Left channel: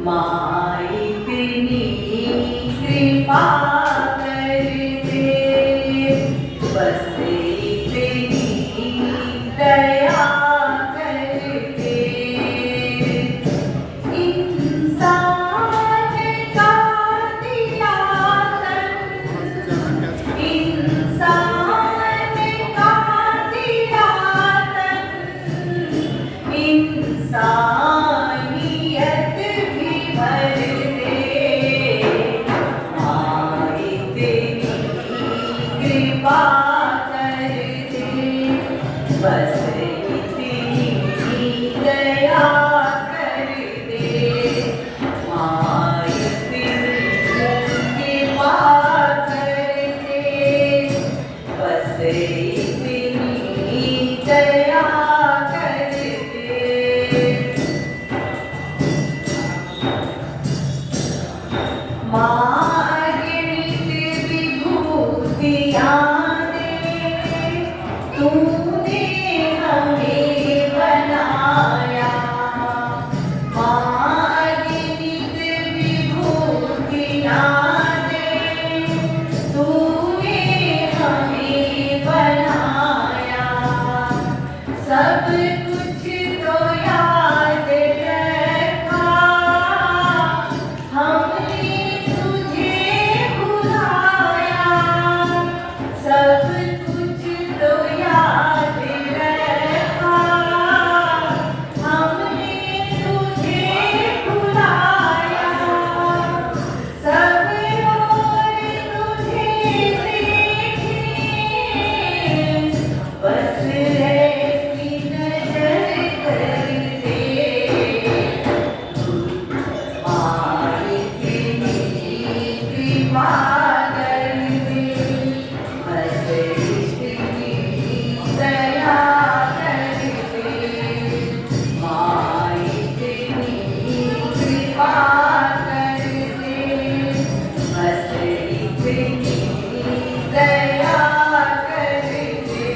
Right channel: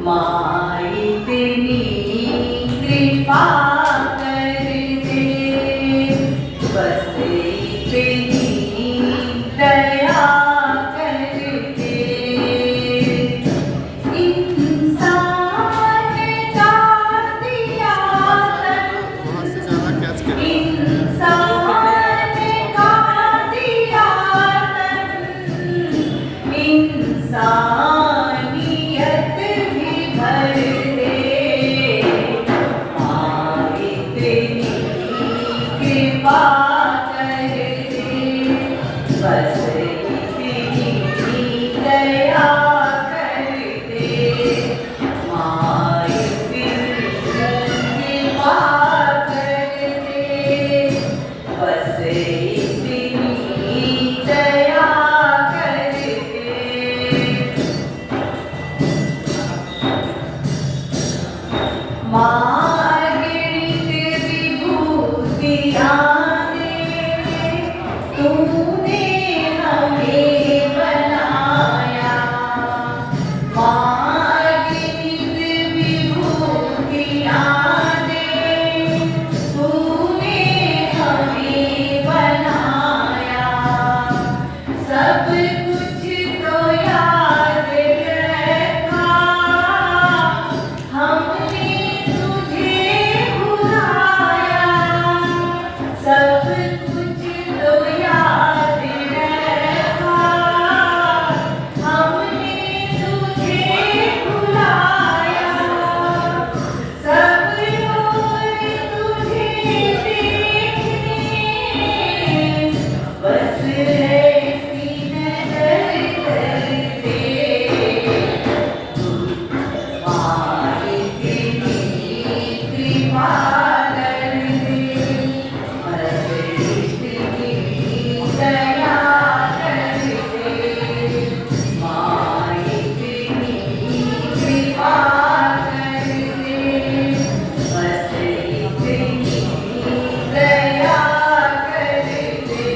माई तेरी कृपा कर दे, बस तेरी दया कर दे। इंसान का दिया तन, इंसान का दिया तन, इंसानियत भी भर दे। माई तेरी कृपा कर दे, बस तेरी दया कर दे। माई तेरी कृपा कर दे, बस तेरी दया कर दे। मार्गरित विभूतियाँ दे, तूने हमें बनाया। मार्गरित विभूतियाँ दे, तूने हमें बनाया। सब कुछ तो याद रखा, हमने तुझे भुलाया। सब कुछ तो याद रखा, हमने तुझे भुलाया। सब और तुझे देखने, बस ऐसी नजर कर दे। माई तेरी कृपा कर दे, बस तेरी दया कर दे। माई तेरी कृपा कर दे, बस तेरी दया कर दे।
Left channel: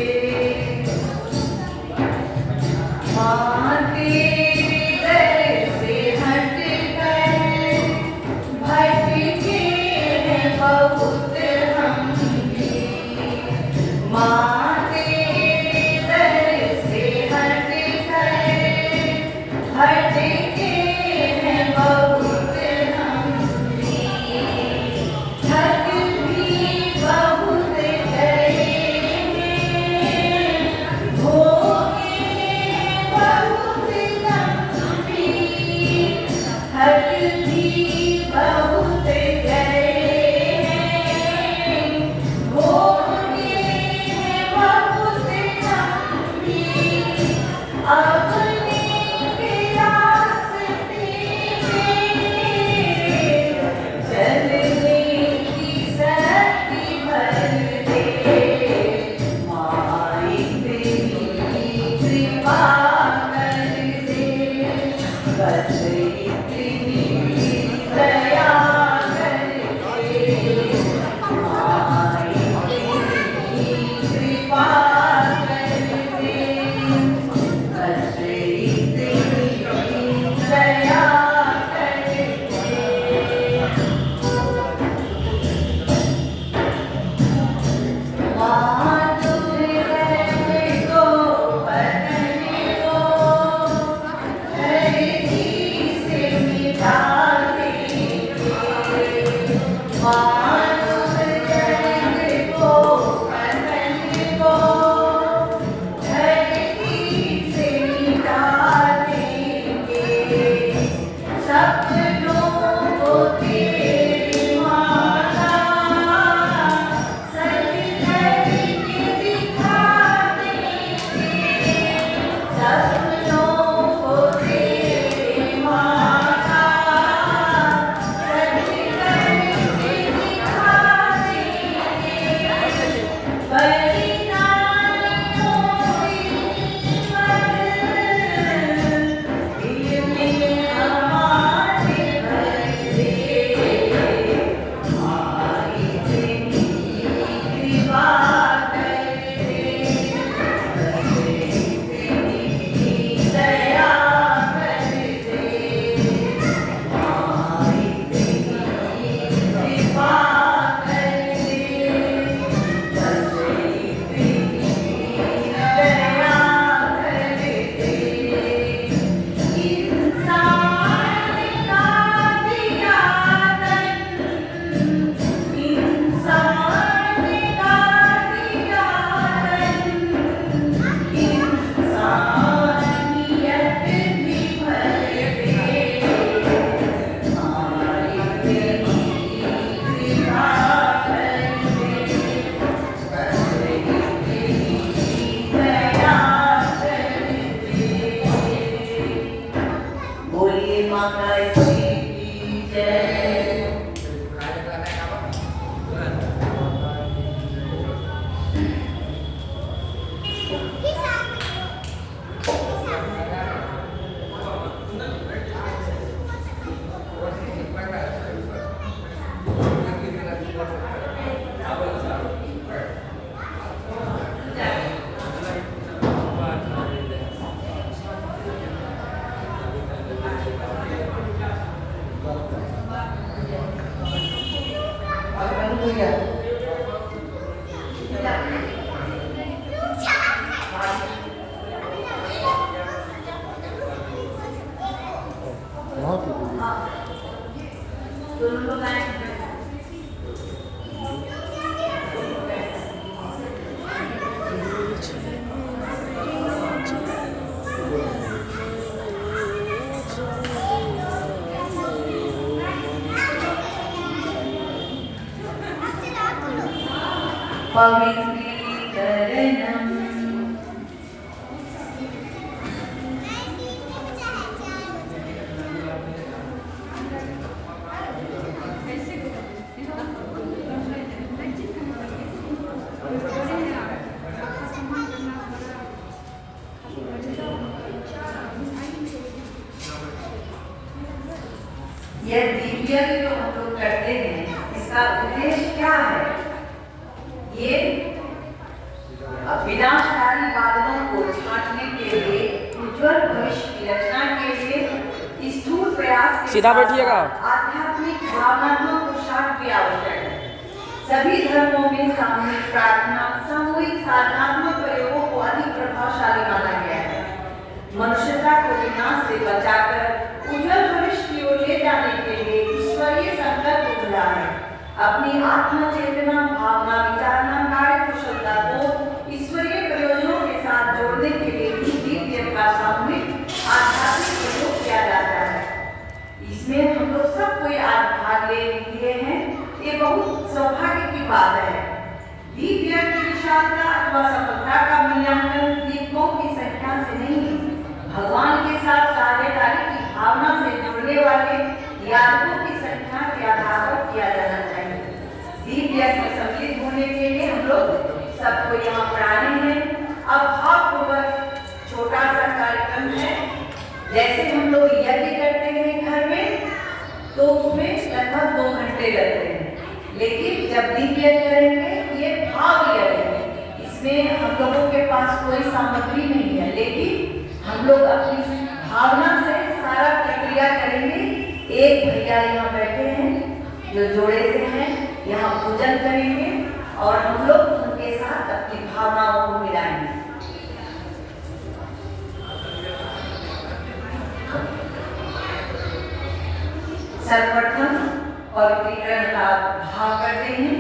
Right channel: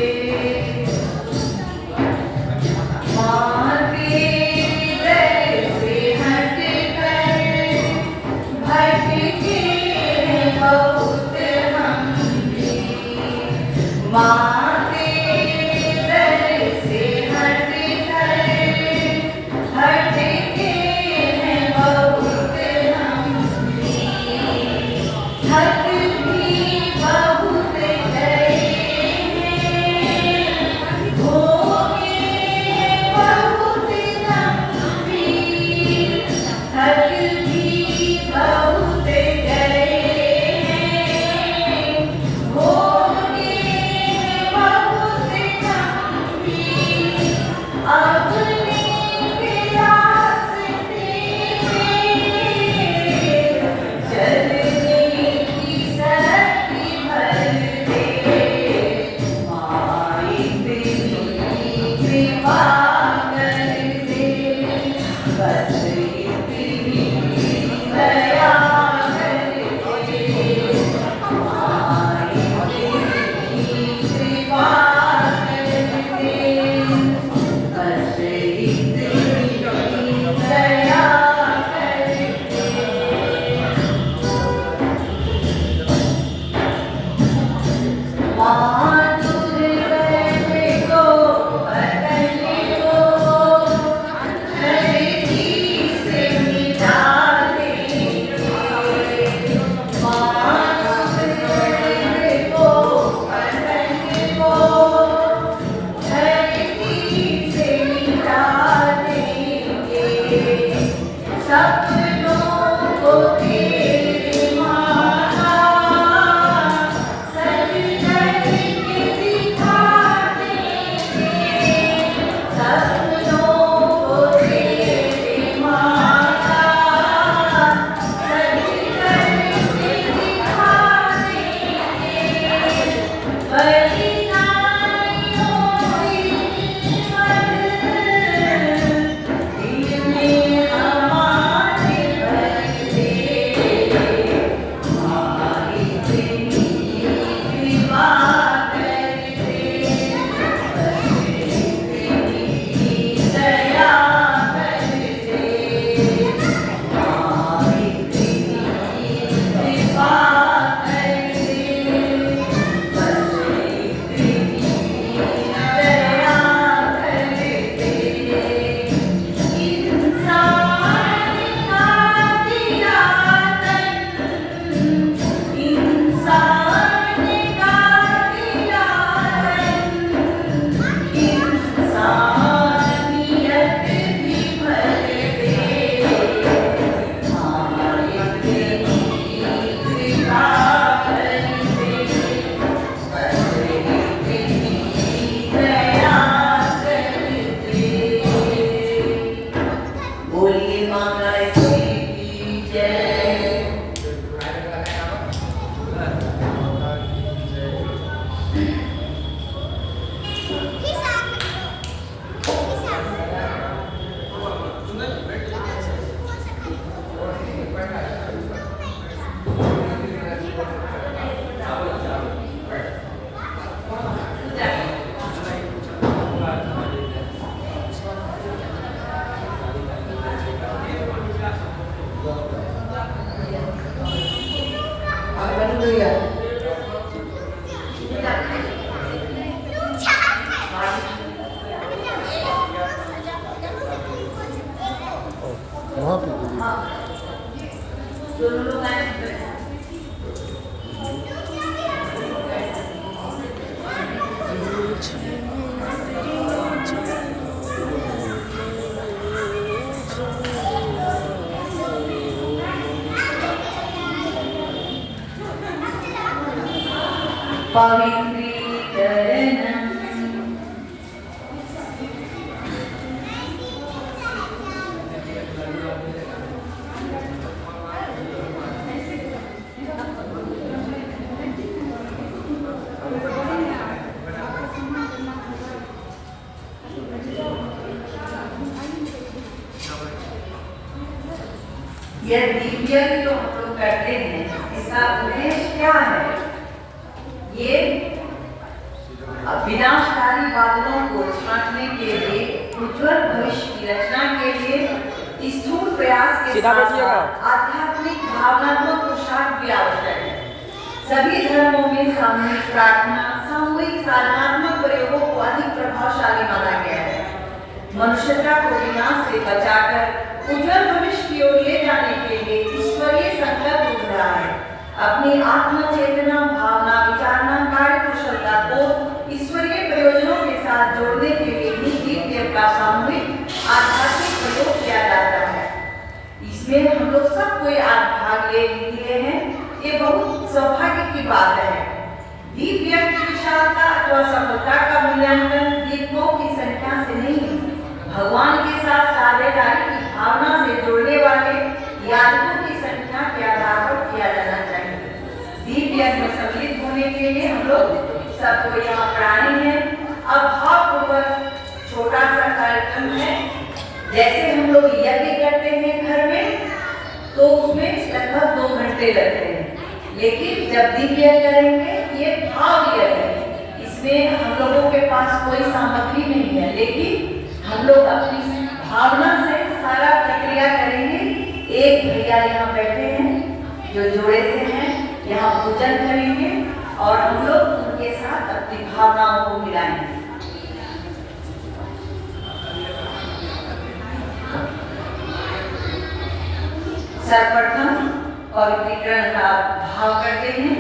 माँ तेरे दर से हटकर भटके हैं बहुत हम भी। माँ तेरे दर से हटकर भटके हैं बहुत हम भी। थक भी बहुत गए हैं, हो गए बहुत गंभीर। थक भी बहुत गए हैं, हो गए बहुत गंभीर। अपने रास्ते में चलने की शक्ति भर दे। माई तेरी कृपा कर दे, बस तेरी दया कर दे। माई तेरी कृपा कर दे, बस तेरी दया कर दे। माँ दुर्गति को बदलने को धरती से मिटा देंगे। माँ दुर्गति को बदलने को धरती से मिटा देंगे। सपनों को तेरी माला सज करके दिखा देंगे। सपनों को तेरी माला सज करके दिखा देंगे। बलिदानियों से दिल में हमारे भर दे। यह दिव्य जो हम लोग करते हैं, इसका उद्देश्य क्या है? ये विनाशकारी बादलों को छांटने के लिए, उज्जवल भविष्य की रचना के लिए स्थूल प्रयास के साथ आध्यात्मिक भावनात्मक पुरुषार्थ भी आवश्यक है। सभी धर्मों में सामूहिक प्रार्थना, सामूहिक साधनात्मक प्रयोगों को अधिक प्रभावशाली माना गया है। मनुष्यता को विनाश से बचाकर उज्जवल भविष्य की ओर ले जाने के लिए ईश्वरीय संकल्प उभरा है। अपनी आत्म चेतना, भावना, विचारना, कार्य कुशलता को ईश्वरीय प्रयोजनों के साथ जोड़ने के लिए भी दिव्य का सामूहिक आध्यात्मिक प्रयोग किया जाता है। इसमें हम लोग सब कोई आज भाग ले लिए हैं, ये बहुत सौभाग्य की बात है। दिव्य की विशालता अथवा सफलता का मूल्यांकन दीपों की संख्या से नहीं, भगवान के साथ साझेदारी की भावना से जोड़ने वाले यादकों की संख्या के आधार पर किया जाना चाहिए। दिव्य में सम्मिलित होने के लिए हम लोग सबको यहाँ पर आए हैं। अब भावपूर्वक छोटा सा कार्यक्रम है, जैसे हम लोग यज्ञ करते हैं घर में, तो उसमें लगभग 2 घंटे लगते हैं, लेकिन जब दिव्य करेंगे ये भाव यज्ञ, इसमें हम लोगों के पास कोई सामग्री नहीं है, लेकिन हम लोग अपनी भावना से सारा प्रक्रिया करेंगे। एक भैया यहाँ बैठे हैं जो जोड़े से हैं, यहाँ पूजन करेंगे और हम लोग उनके साथ अपनी भावनाओं को मिलाएंगे। सर्वप्रथम पवित्रीकरण का भाव करते हैं।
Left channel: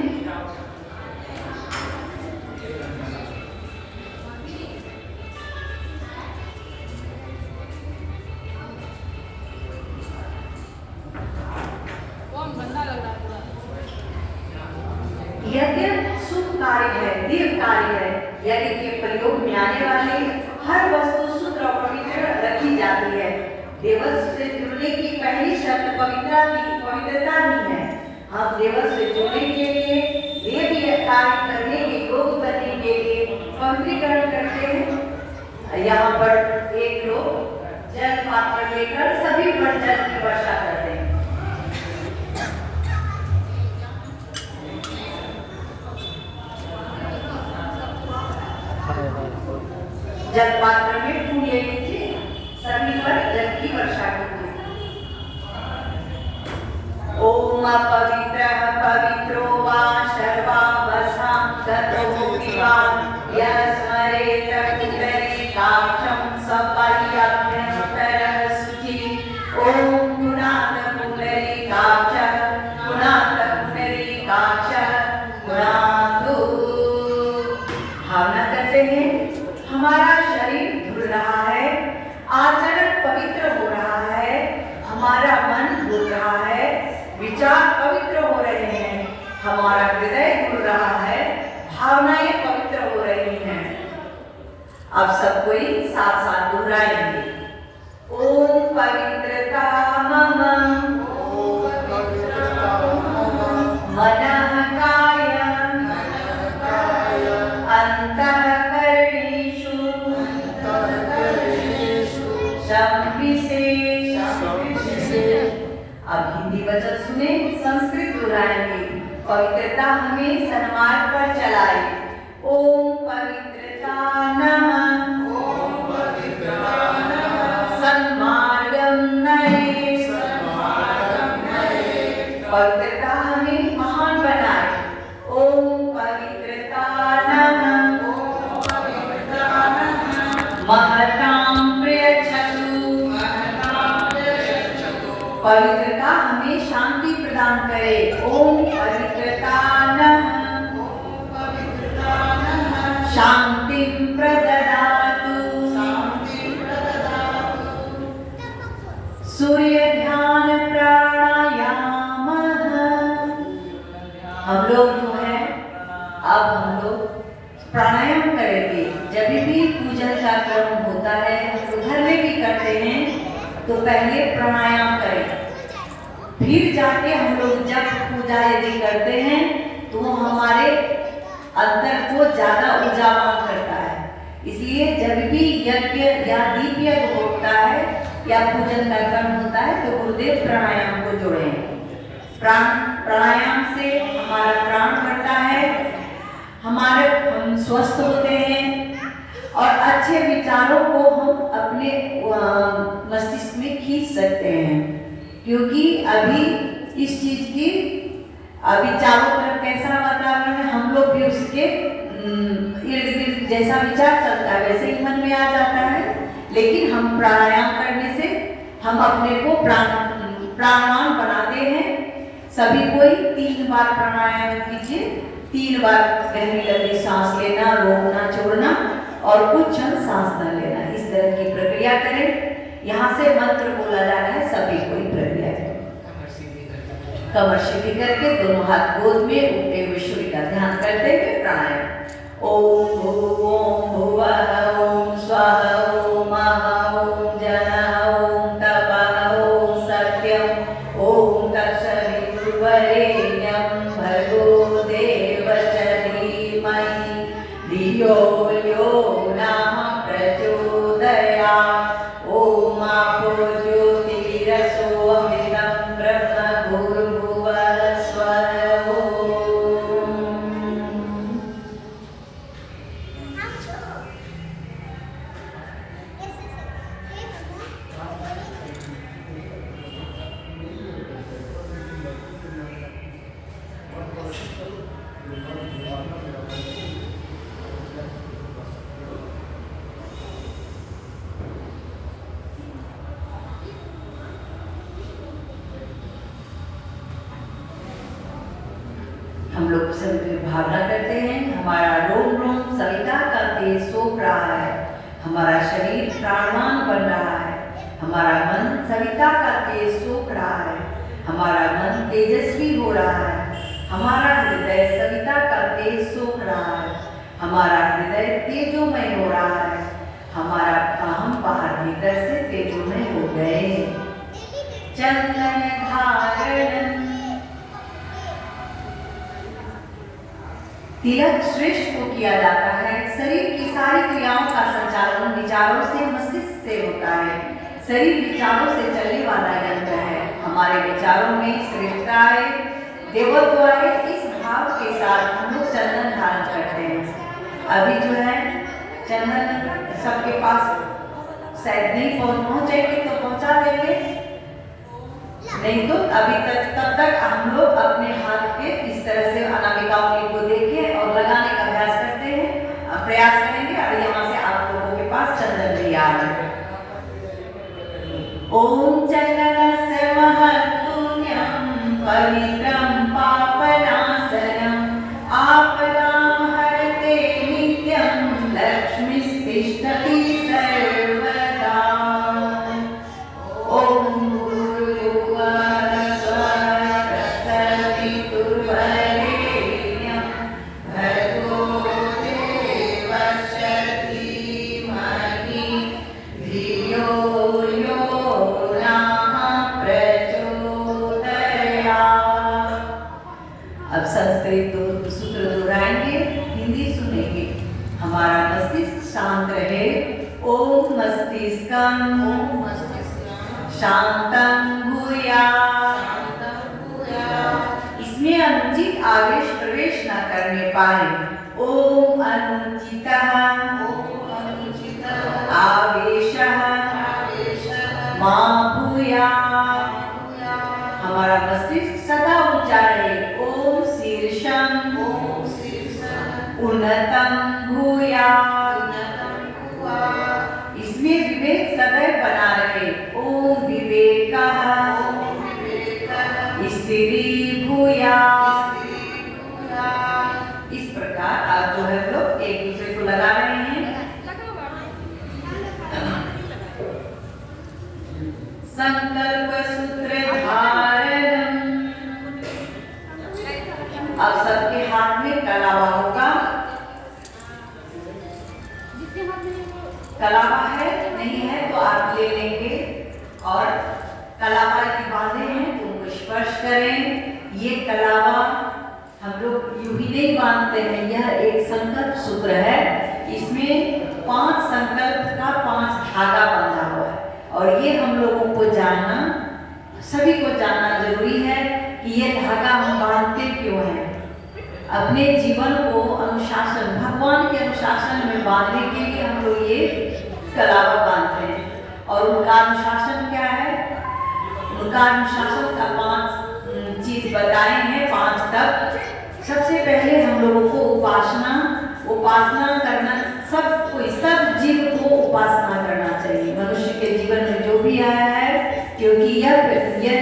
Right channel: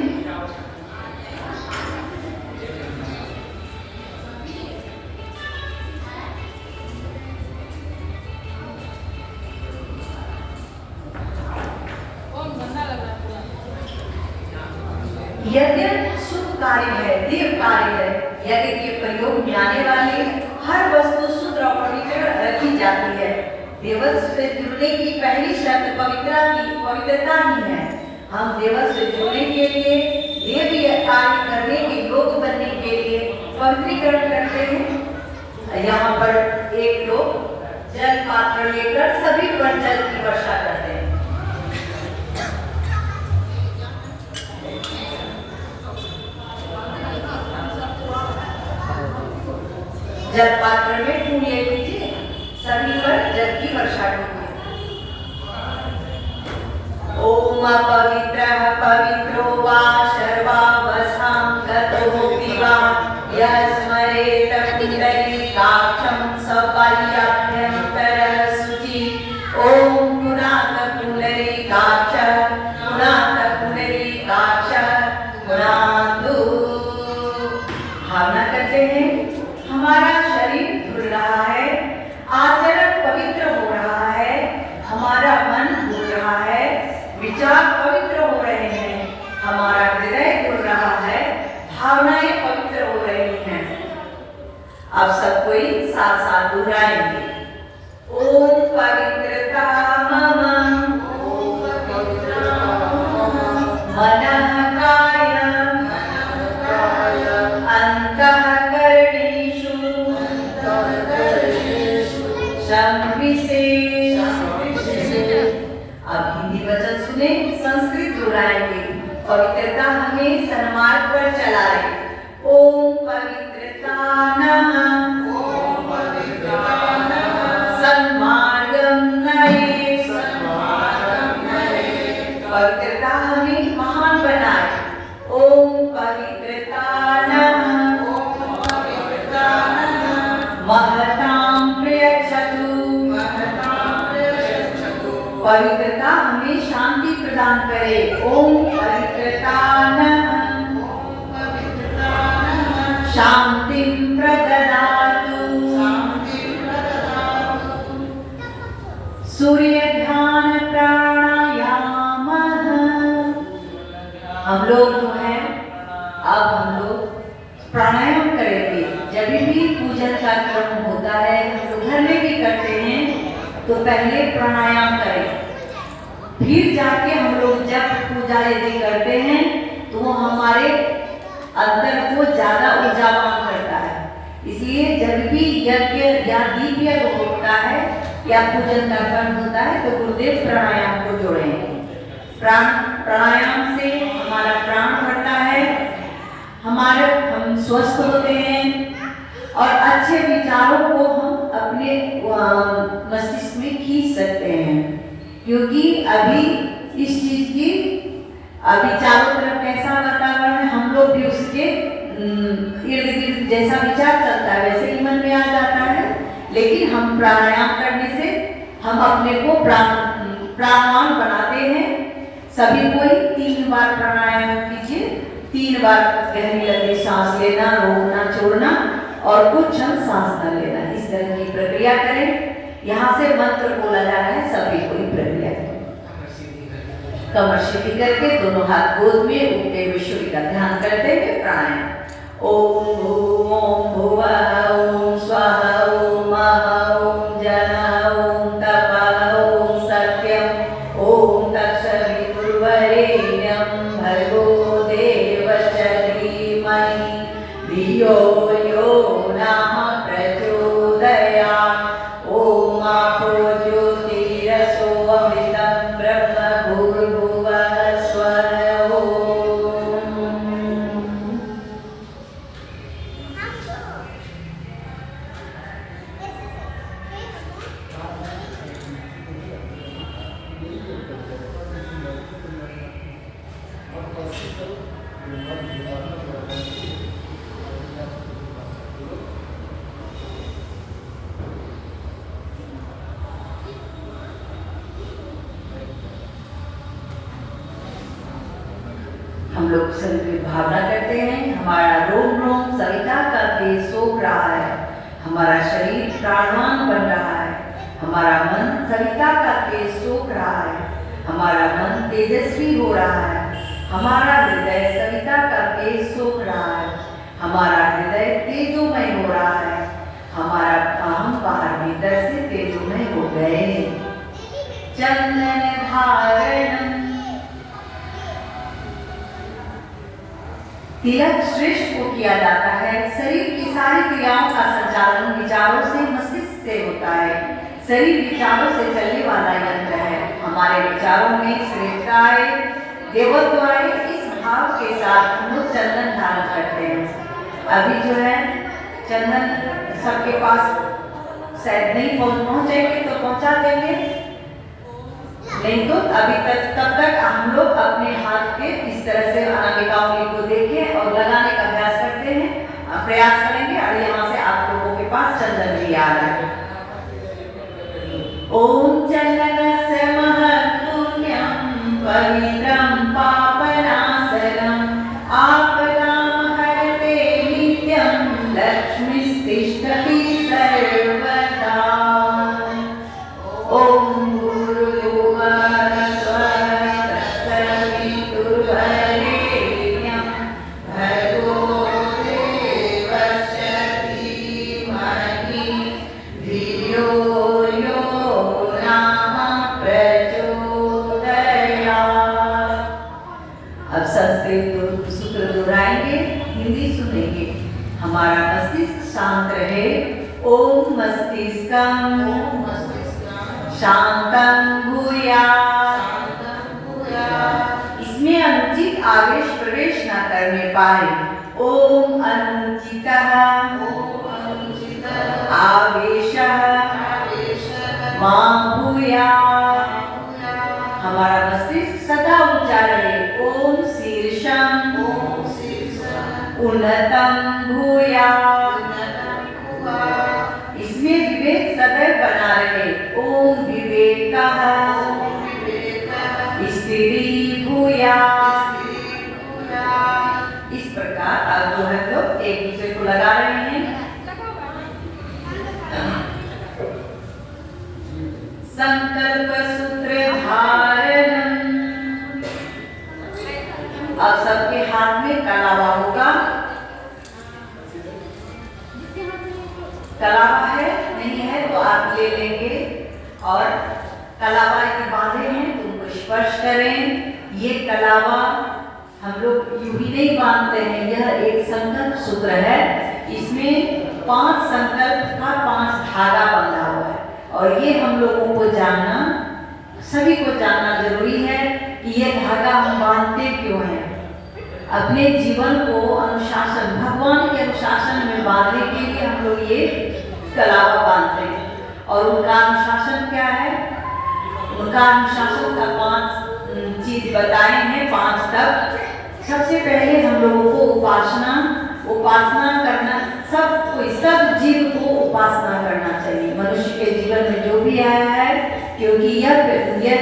यज्ञ शुभ कार्य है, दिव्य कार्य है। यज्ञ के प्रयोग में आने वाली हर वस्तु शुद्ध और पवित्र रखी जाती है। देवत्व से जुड़ने की पहली शर्त पवित्रता ही है। हम देवत्व से जुड़ने के लिए, देवीय कार्य करने के योग बनने के लिए पवित्रीकरण करते हैं। यहाँ पर एक लोग जल पात्र लेकर सभी पर जल की वर्षा करते हैं। जल पात्र में फूल ले लीजिए, सभी पर जल की वर्षा कीजिए। ओम अपवित्रः पवित्रो वा सर्वावस्थां गतो विवा यः स्मरेत पुण्डरीकाक्षं सपरिअभ्यन्तरः शुचि। ओम पुनात पुण्डरीकाक्ष पुनातु। भावना करते हैं, हमारा शरीर धुल रहा है, आचरण पवित्र हो रहा है, हमारा मन धुल रहा है, विचार पवित्र हो रहे हैं, हमारा हृदय धुल रहा है, भावनाएं पवित्र हो रही हैं। अब सब कोई साथ साथ दोहराएंगे। ओम पवित्रता मम मनः कायं अंतःकरणेषु अब हिंदी वचन सुने, संस्कृत दोहराएंगे। पवित्रता हमें सन्मार्ग पर चलाए। ओम पवित्रता नमः सन्मार्गं नये पवित्रता हमें महान बनाए। ओम पवित्रता नमः, ओम पवित्रता नमः, महतां प्रयच्छतु, महतां प्रयच्छतु। पवित्रता हमें शांति प्रदान करे। ओम पवित्रता नमः, ओम पवित्रता नमः, शांतिं प्रददातु, शांतिं प्रददातु। सूर्य ध्यान प्राणायाम। हम लोग जो है अब हम लोग प्राणायाम करेंगे। जब भी पूजन का क्रम होता है, हम लोग घर में भी करते हैं, तो पहले प्राणायाम करें, फिर जाके हम लोग जब पूजा यदि करते हैं तो हमारे अंदर को ज्यादा ऊर्जावान करता है। इसलिए जब भी यज्ञ या दीप यज्ञ होता है या पूजन का क्रम होता है तो गुरुदेव प्राणायाम को जोड़ें। प्राणायाम से हमारा प्राण बढ़ता है, हम स्वस्थ होते हैं और अच्छे विचारों को हम अपने मस्तिष्क में खींच सकते हैं। क्योंकि अभी इस चीज की अभी चारों तरफ कैसा वातावरण है, हम लोग भी उसके इर्द गिर्द जैसा विचार चलता है वैसे ही मन में आ जाता है। लेकिन हम प्राणायाम करने से हम अपने को प्राणवान बनाते हैं। सभी कोई 3 बार प्राणायाम कीजिए। 3 बार गहरी लंबी सांस लेना, रोकना, छोड़ना और कुछ क्षण सांस न लेना। इस तरह की प्रक्रिया करें। यहाँ से मंत्र बोला जा रहा है, सभी कोई प्रक्रिया करें। कमर सीधी करके दोनों हाथ गोद में उठते हुए सूर्य का ध्यान करते हुए प्राणायाम। ओम भुवः ओम स्वाहा ओम महः ओम जनः ओम तपः ओम सत्यम् ओम तत्सवितुर्वरेण्यं भर्गो देवस्य धीमहि धियो यो नः प्रचोदयात्। ओम आपो ज्योतिरसो अमृतं ब्रह्म भूर्भुवः स्वः ओम। हम लोग सभी भावना करते हैं, हमारा रोम रोम सविता का तेज सोख रहा है, हमारा शरीर प्राणवान बन रहा है, हमारा मन सविता का तेज सोख रहा है, हमारा मन तेजस्वी हो रहा है, हमारा हृदय सविता का तेज सोख रहा है, हमारा हृदय तेजोमय हो रहा है, हमारा अहम बाहर भीतर से तेजोमय हो गए हैं। चंदन धारण तिलक श्रेष्ठ को किया जाता है। शरीर की सारी क्रियाओं का संचालन विचारों से, मस्तिष्क से होता है। शरीर विचारों से चलने वाला यंत्र है। हमारे विचारों में श्रेष्ठता आए, देवत्व आए, इस भाव के साथ हम लोग चंदन धारण करते हैं। अभी जो है चंदन सबके पास शायद नहीं पहुंचेंगे तो पहुंचा देंगे, नहीं तो अभी तब तक हम लोग अपने हाथ के इस तरह से अनामिका उंगली को देखें और लगाने का अभ्यास करते हैं, प्रयास करेंगे। और यहाँ से आप लोगों के पास चंदन भी आ रहा है। ओम चंदनस्य महत्पुण्यं पवित्रं पापनाशनम् आपदां हरते नित्यं लक्ष्मीस्तिष्ठति सर्वदा। ओम संस्कृत सूत्र दोहराएंगे, हिंदी सुनेंगे। हमारा मस्तिष्क शांत रहे। ओम मस्तिष्कं शांतं भूयात्। इसमें अनुचित आवेश प्रवेश न करने पाए। ओम अनुचितः आवेशः मा भूयात्। हमारा मस्तिष्क सदा उन्नतम भूयात्। इसमें विवेक सदैव बना रहे। ओम विवेकः स्थितिः भूयात्। इस प्रकार आप जो है लोग एक दूसरे को लगा रहे हैं। संकल्प सूत्र धारणम। अब सबके हाथ में कलावा होगा। कलावा है नहीं है तो आप ले लेंगे और कलावा यदि बांधे हैं तो उनको स्पर्श करें। ये कलावा हम लोग यूं ही नहीं बांधते हैं, यह एक संकल्प सूत्र है। इसमें 5 संकल्प का 5 धागा बंधा हुआ है और ये हम लोगों को जानना, सभी को जानना जरूरी है कि ये धागा हम बांधते क्यों हैं। अपने जीवन को अनुशासन, भगवान के अनुशासन में बांधने के लिए हम लोग ये कलावा बांधते हैं। और उनका अनुशासन क्या है? उनका अनुशासन का 5 चीज बताए हैं, 5 तक। सबसे पहले हम लोगों को उपासना करना, सब जीव को उपासना करना चाहिए। मनुष्य के जीवन में जो भी आया है, क्योंकि यह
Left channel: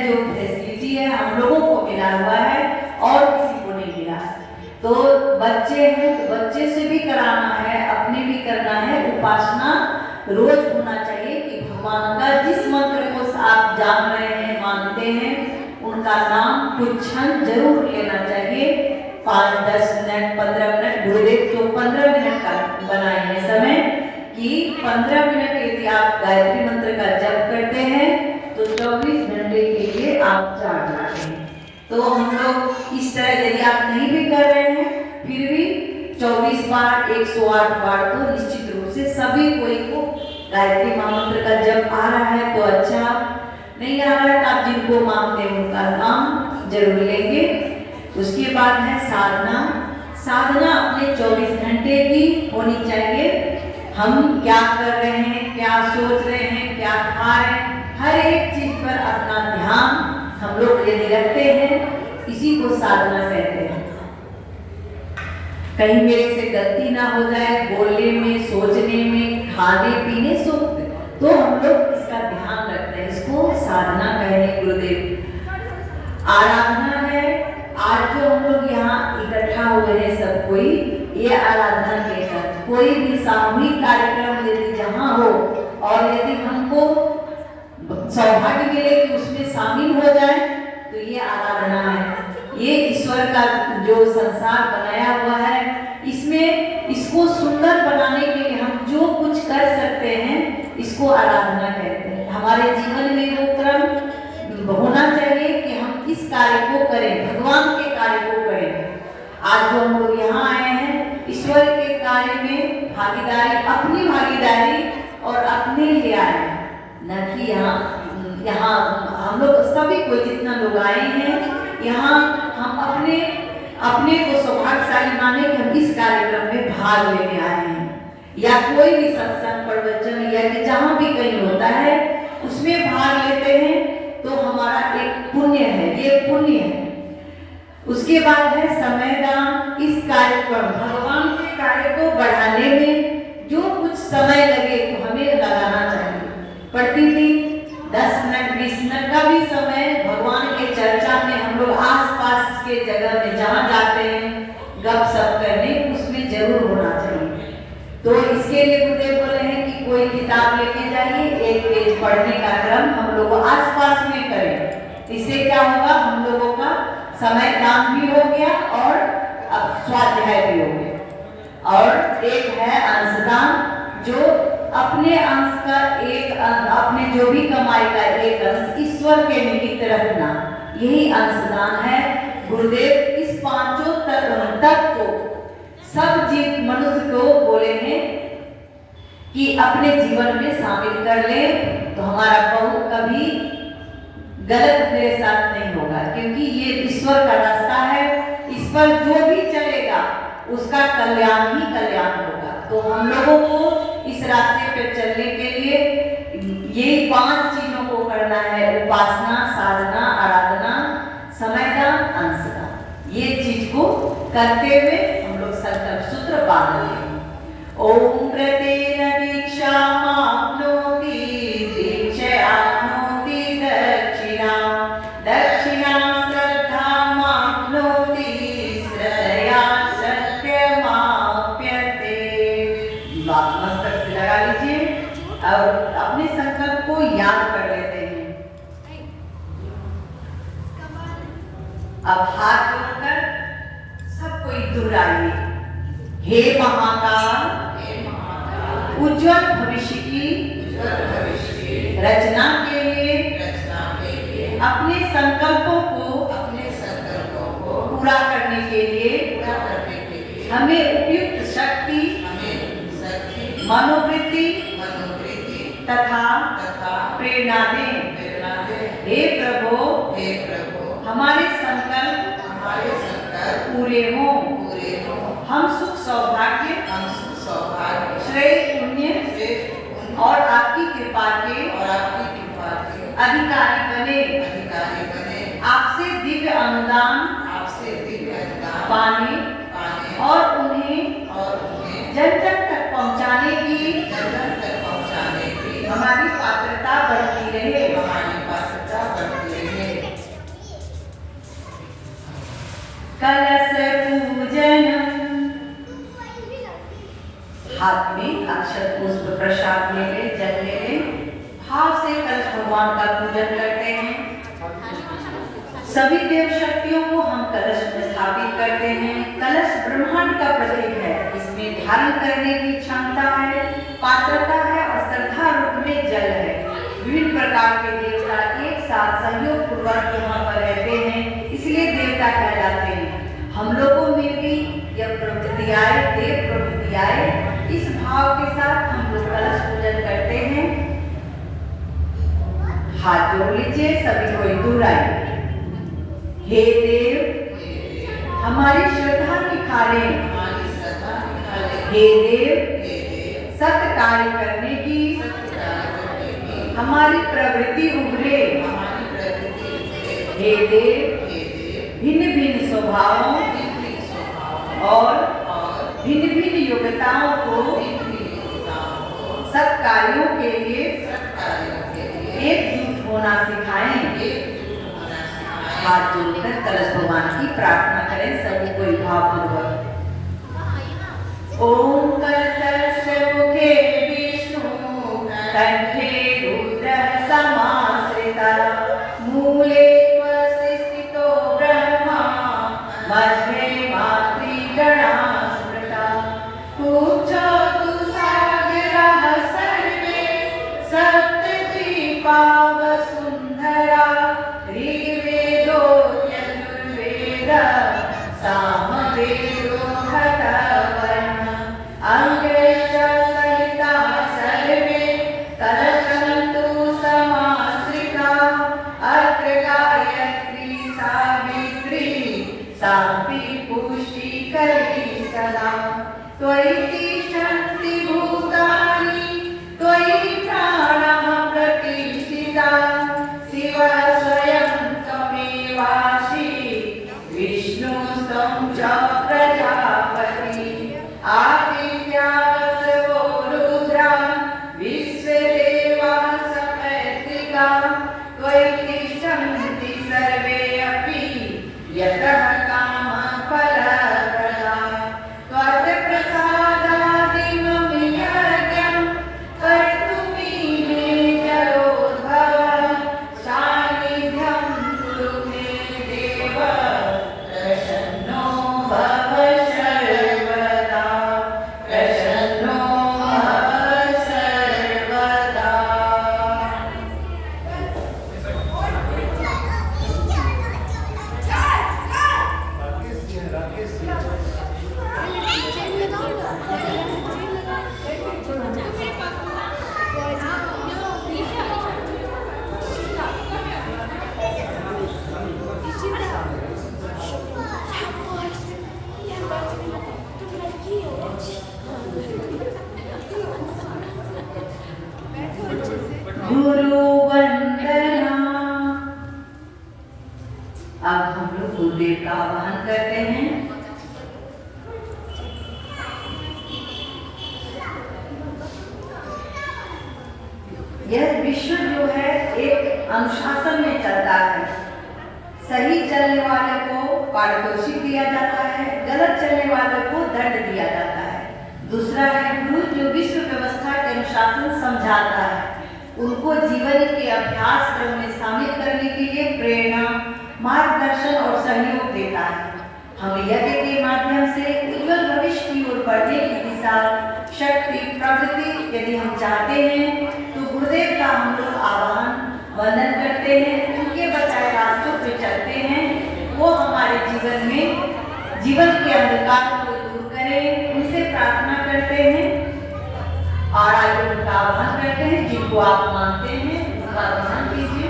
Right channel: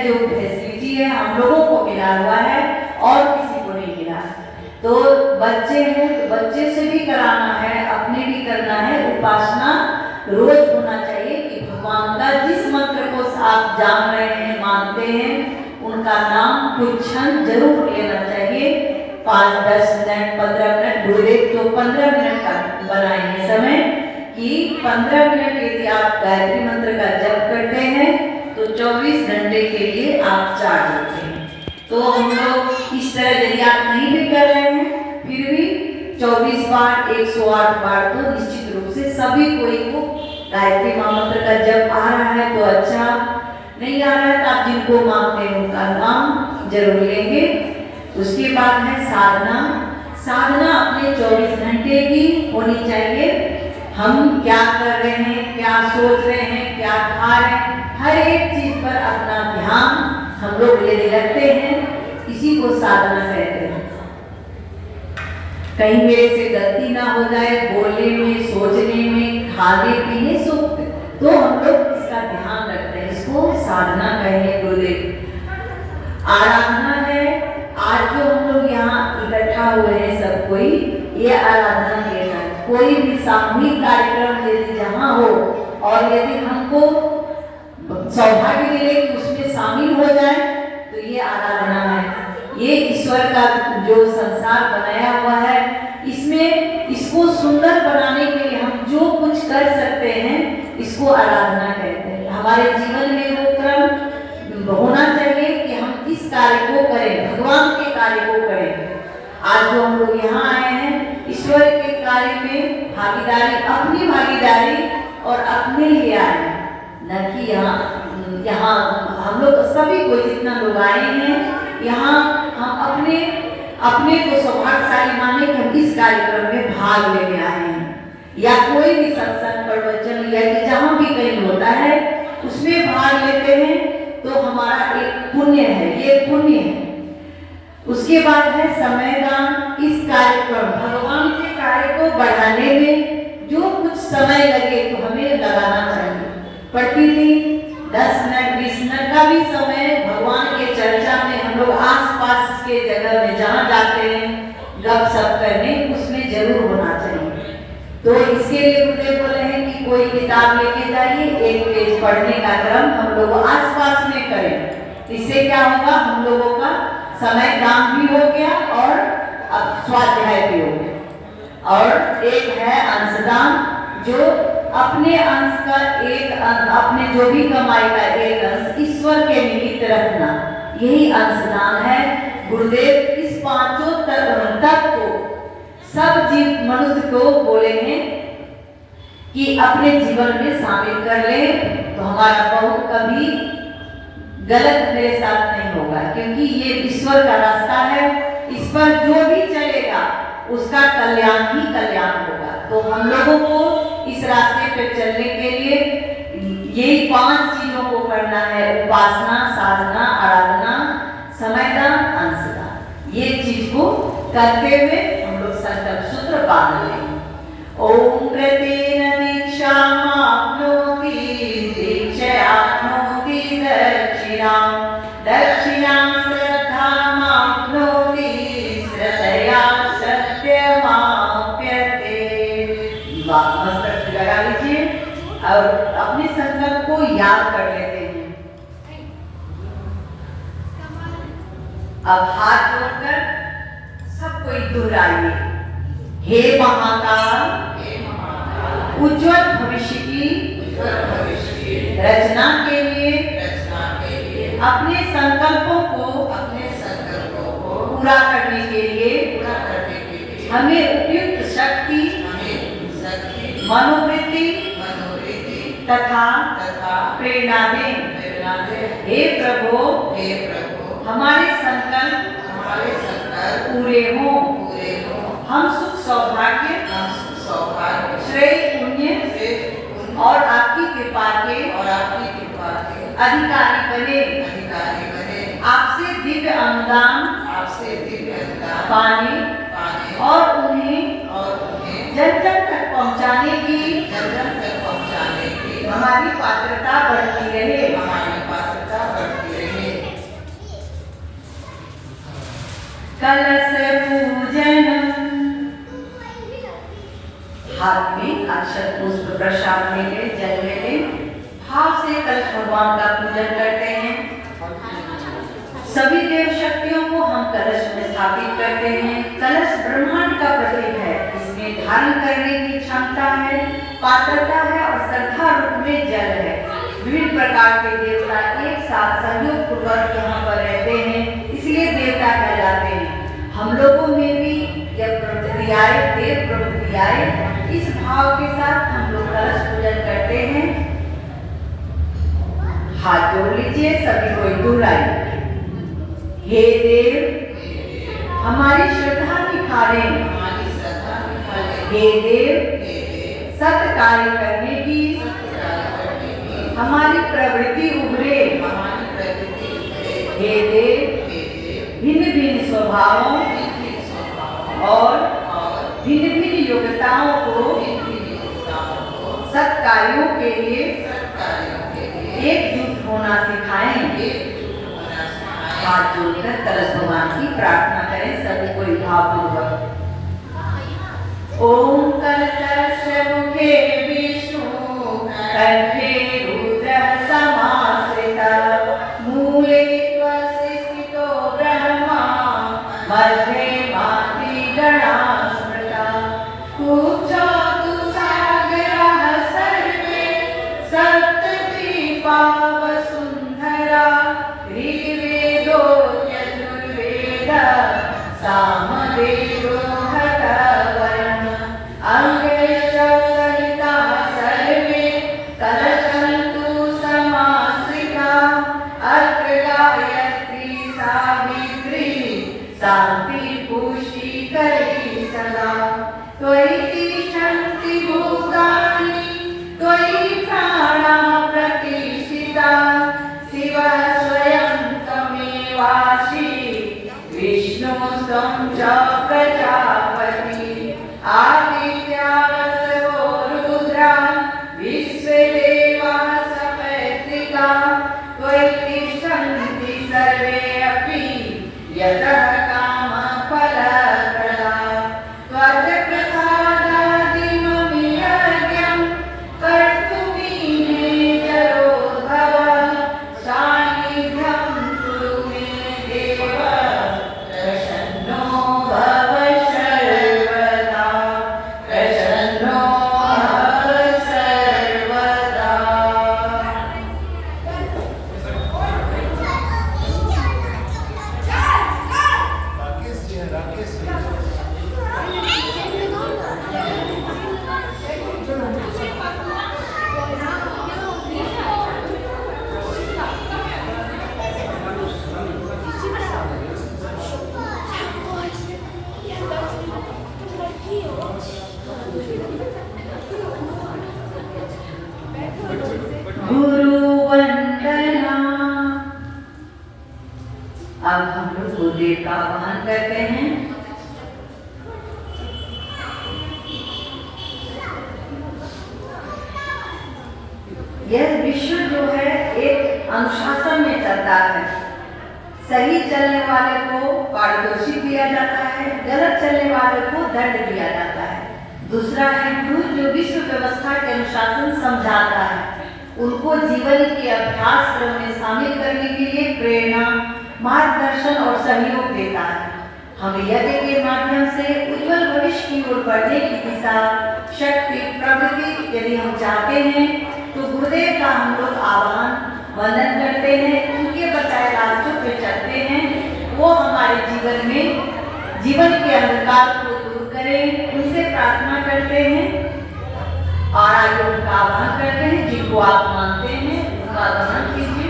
जो फैसिलिटी है हम लोगों को मिला हुआ है और किसी को नहीं मिला। तो बच्चे हैं तो बच्चे से भी कराना है, अपने भी करना है। उपासना रोज होना चाहिए कि भगवान का जिस मंत्र को आप जान रहे हैं, मानते हैं, उनका नाम कुछ क्षण जरूर लेना चाहिए। 5, 10 मिनट, 15 मिनट, गुरुदेव तो 15 मिनट का बनाएंगे समय कि 15 मिनट यदि आप गायत्री मंत्र का जप करते हैं तो 24 घंटे के लिए आप चार्ज होते हैं। तो हम लोग इस तरह यदि आप नहीं भी कर रहे हैं फिर भी 24 बार 108 बार तो निश्चित रूप से सभी कोई को गायत्री महामंत्र का जप आ रहा है तो अच्छा, नहीं आ रहा है तो आप जिनको मांगते हैं उनका नाम जरूर लेंगे। उसके बाद है साधना। साधना अपने 24 घंटे की होनी चाहिए। हम क्या कर रहे हैं, क्या सोच रहे हैं, क्या खा रहे हैं, हर एक चीज पर अपना ध्यान हम लोग यदि रखते हैं, इसी को साधना कहते हैं। कहीं मेरे से गलती ना हो जाए बोलने में, सोचने में, खाने पीने से, तो हम लोग इसका ध्यान रखते हैं। इसको साधना कहेंगे गुरुदेव। आराधना है। आज जो हम लोग यहाँ इकट्ठा हुए हैं सब कोई, ये आराधना के है। कोई भी सामूहिक कार्यक्रम यदि जहाँ हो और यदि हमको सौभाग्य मिले कि उसमें शामिल हो जाए तो ये आराधना है। ये ईश्वर का जो संसार बनाया हुआ है, इसमें इसको सुंदर बनाने के लिए हम जो कुछ कर सकते हैं इसको आराधना कहते हैं। हमारे जीवन में वो क्रम होना चाहिए कि हम किस कार्य को करें, भगवान के कार्य को करें। आज जो हम लोग यहाँ आए हैं ईश्वर के कार्य में भागीदारी, अपनी भागीदारी और अपने लिए आए हैं, न कि यहाँ हम लोग सभी को जितना लोग आए हैं यहाँ हम अपने को सौभाग्यशाली माने कि हम इस कार्यक्रम में भाग लेने आए हैं। या कोई भी सत्संग, प्रवचन या कि जहाँ भी कहीं होता है उसमें भाग लेते हैं तो हमारा एक पुण्य है, ये पुण्य है। उसके बाद है समयदान। इस कार्यक्रम भगवान के कार्य को बढ़ाने में जो कुछ समय लगे तो हमें लगाना चाहिए। प्रतिदिन 10 मिनट 20 मिनट का भी समय भगवान के चर्चा में हम लोग आसपास के जगह में जहाँ जाते हैं गपशप करने, उसमें जरूर होना चाहिए। तो इसके लिए गुरुदेव बोले हैं कि कोई किताब लेके जाइए, 1 पेज पढ़ने का क्रम हम लोग आसपास में करें। इससे क्या होगा, हम लोगों का समय काम भी हो गया और अब स्वाध्याय भी हो गया। और एक है अंशदान, जो अपने अंश का एक अंश, अपने जो भी कमाई का एक अंश ईश्वर के निमित्त रखना, यही अंशदान है। गुरुदेव इस 5 तत्व को सब जीव मनुष्य को बोले हैं कि अपने जीवन में शामिल कर ले तो हमारा बहुत कभी गलत मेरे साथ नहीं होगा, क्योंकि ये ईश्वर का रास्ता है। इस पर जो भी चलेगा उसका कल्याण ही कल्याण होगा। तो हम लोगों को इस रास्ते पर चलने के लिए यही 5 चीजों को करना है: उपासना, साधना, आराधना, समयदान, अंशदान। ये चीज को करते हुए हम लोग संकल्प सूत्र ओम प्रतेन दीक्षामाप्नोति दीक्षयाप्नोति दक्षिणां दक्षिणां श्रद्धामाप्नोति श्रद्धया सत्यमाप्यते। मस्तक से लगा लीजिए और अपने संकल्प को याद कर लेते हैं। अब हाथ जोड़कर सब कोई दोहराइए। हे महाकाल, उज्जवल भविष्य की रचना के लिए अपने संकल्पों को पूरा करने के लिए हमें उपयुक्त शक्ति, मनोवृत्ति तथा प्रेरणा दें। हे प्रभु, हमारे संकल्प पूरे हों। हम सुख सौभाग्य, श्रेय पुण्य और आपकी कृपा के अधिकारी बने। आपसे दिव्य अनुदान पाने और उन्हें जन जन तक पहुँचाने की हमारी पात्रता बढ़ती रहे। कलश पूजन। हाथ में अक्षत पुष्प प्रसाद ले ले, जल ले ले, भाव से कलश भगवान का पूजन करते हैं। सभी देव शक्तियों को हम कलश में स्थापित करते हैं। कलश ब्रह्मांड का प्रतीक है। इसमें धारण करने की क्षमता है, पात्रता है और श्रद्धा रूप में जल है। विभिन्न प्रकार के देवता एक साथ सहयोग पूर्वक यहाँ पर रहते हैं, इसलिए देवता कहलाते हैं। हम लोगों में भी यह प्रवृत्ति आए, देव प्रवृत्ति आए, इस भाव के साथ हम लोग कलश पूजन करते हैं। हाथ जोड़ लीजिए, सभी कोई दोहराइए। हे देव, हमारी श्रद्धा निखारें। हे देव, सत्य कार्य करने की हमारी प्रवृत्ति उभरे। हे देव, भिन्न भिन्न स्वभावों और भिन्न भिन्न योग्यताओं को सत्कार्यों के लिए एकजुट होना सिखाएं। हाथ जोड़कर कलश भगवान की प्रार्थना करें, सभी कोई भावपूर्वक। ओम कलशस्य मुखे विष्णु कंठे रुद्र समाश्रिता मूले स्थितो ब्रह्मा मध्ये मातृगणा स्मृता तुच्छो सागरः सर्वे सप्तद्वीपा वसुन्धरा ऋग्वेदो यजुर्वेदः सामवेदो हतवयम् अंगश्च सहिताः सर्वे कलशन्तु समाश्रिता अत्र गायत्री सावित्री शान्ति पुष्टिकरी सदा त्वयि तिष्ठन्ति भूतानि त्वयि प्राणाः प्रतिष्ठिताः शिवः स्वयं त्वमेवासि विष्णुस्त्वं च प्रजापति आदित्यावसवो रुद्रा विश्वदेवाः सपत्निकाः त्वयि तिष्ठन्ति सर्वे अपि यतः कामफलप्रदा त्वत्प्रसादादिमपि यज्ञं कर्तुमीने जरोद्भवः सान्निध्यं कुरु मे देव प्रसन्नो भव सर्वदा प्रसन्नो भव सर्वदा। गुरु वंदना। अब हम लोग गुरुदेव का आह्वान करते हैं। यह विश्व जो है एक अनुशासन में चलता है। सही चलने वाले को पारितोषिक दिया जाता है, गलत चलने वाले को दंड दिया जाता है। दूसरा है गुरु जो विश्व व्यवस्था के अनुशासन समझाता है, उनको जीवन के अभ्यास क्रम में शामिल करने के लिए प्रेरणा, मार्गदर्शन और सहयोग देता है। हम यज्ञ के माध्यम से उज्जवल भविष्य की ओर बढ़ने की दिशा, शक्ति, प्रगति यदि हम चाहते हैं तो गुरुदेव का हम लोग आह्वान वंदन करते हैं, उनके बताए रास्तों पे चलते हैं। वो हमारे जीवन में जीवन के अंधकार को दूर करें, उनसे प्रार्थना करते हैं और आगे उनका आह्वान करते हैं। जिनको आप मानते हैं उनका आह्वान कीजिए।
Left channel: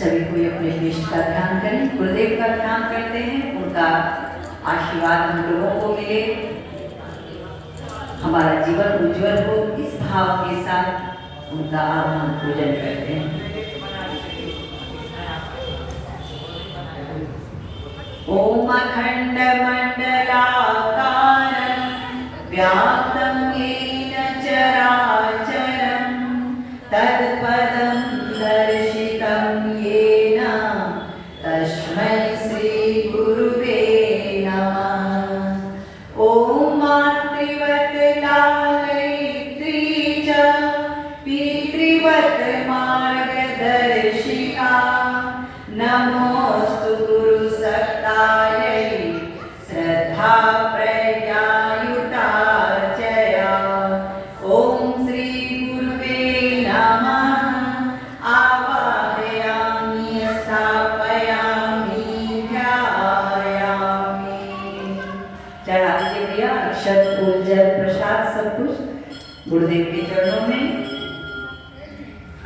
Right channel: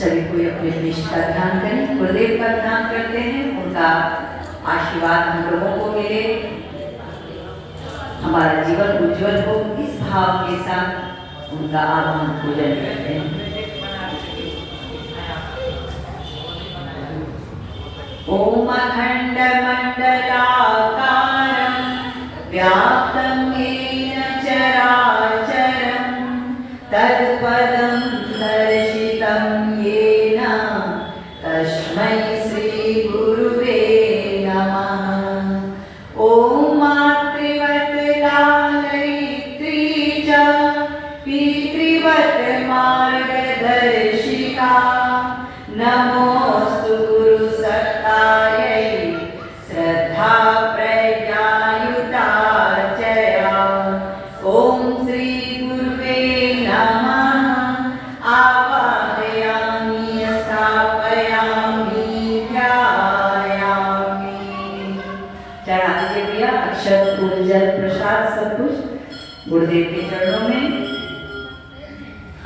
सभी कोई अपने इष्ट का ध्यान करें, गुरुदेव का ध्यान करते हैं, उनका आशीर्वाद हम लोगों को मिले, हमारा जीवन उज्जवल हो। इस भाव के साथ उनका आह्वान पूजन करते हैं। ओम अखंड मंडलाकारं व्याप्तं येन चराचरं तत्पदं दर्शितं येन तस्मै श्री गुरुवे नमः। ओम मातृवत् लालयित्री च पितृवत् मार्गदर्शिका नमोस्तु गुरुसत्तायै श्रद्धा प्रज्ञायुता चया। ओम श्री गुरुवे नमः। आवाहयामि स्थापयामि ध्यायामि। चढ़ाइए भैया अक्षत फूल जल प्रसाद सब कुछ गुरुदेव के चरणों में।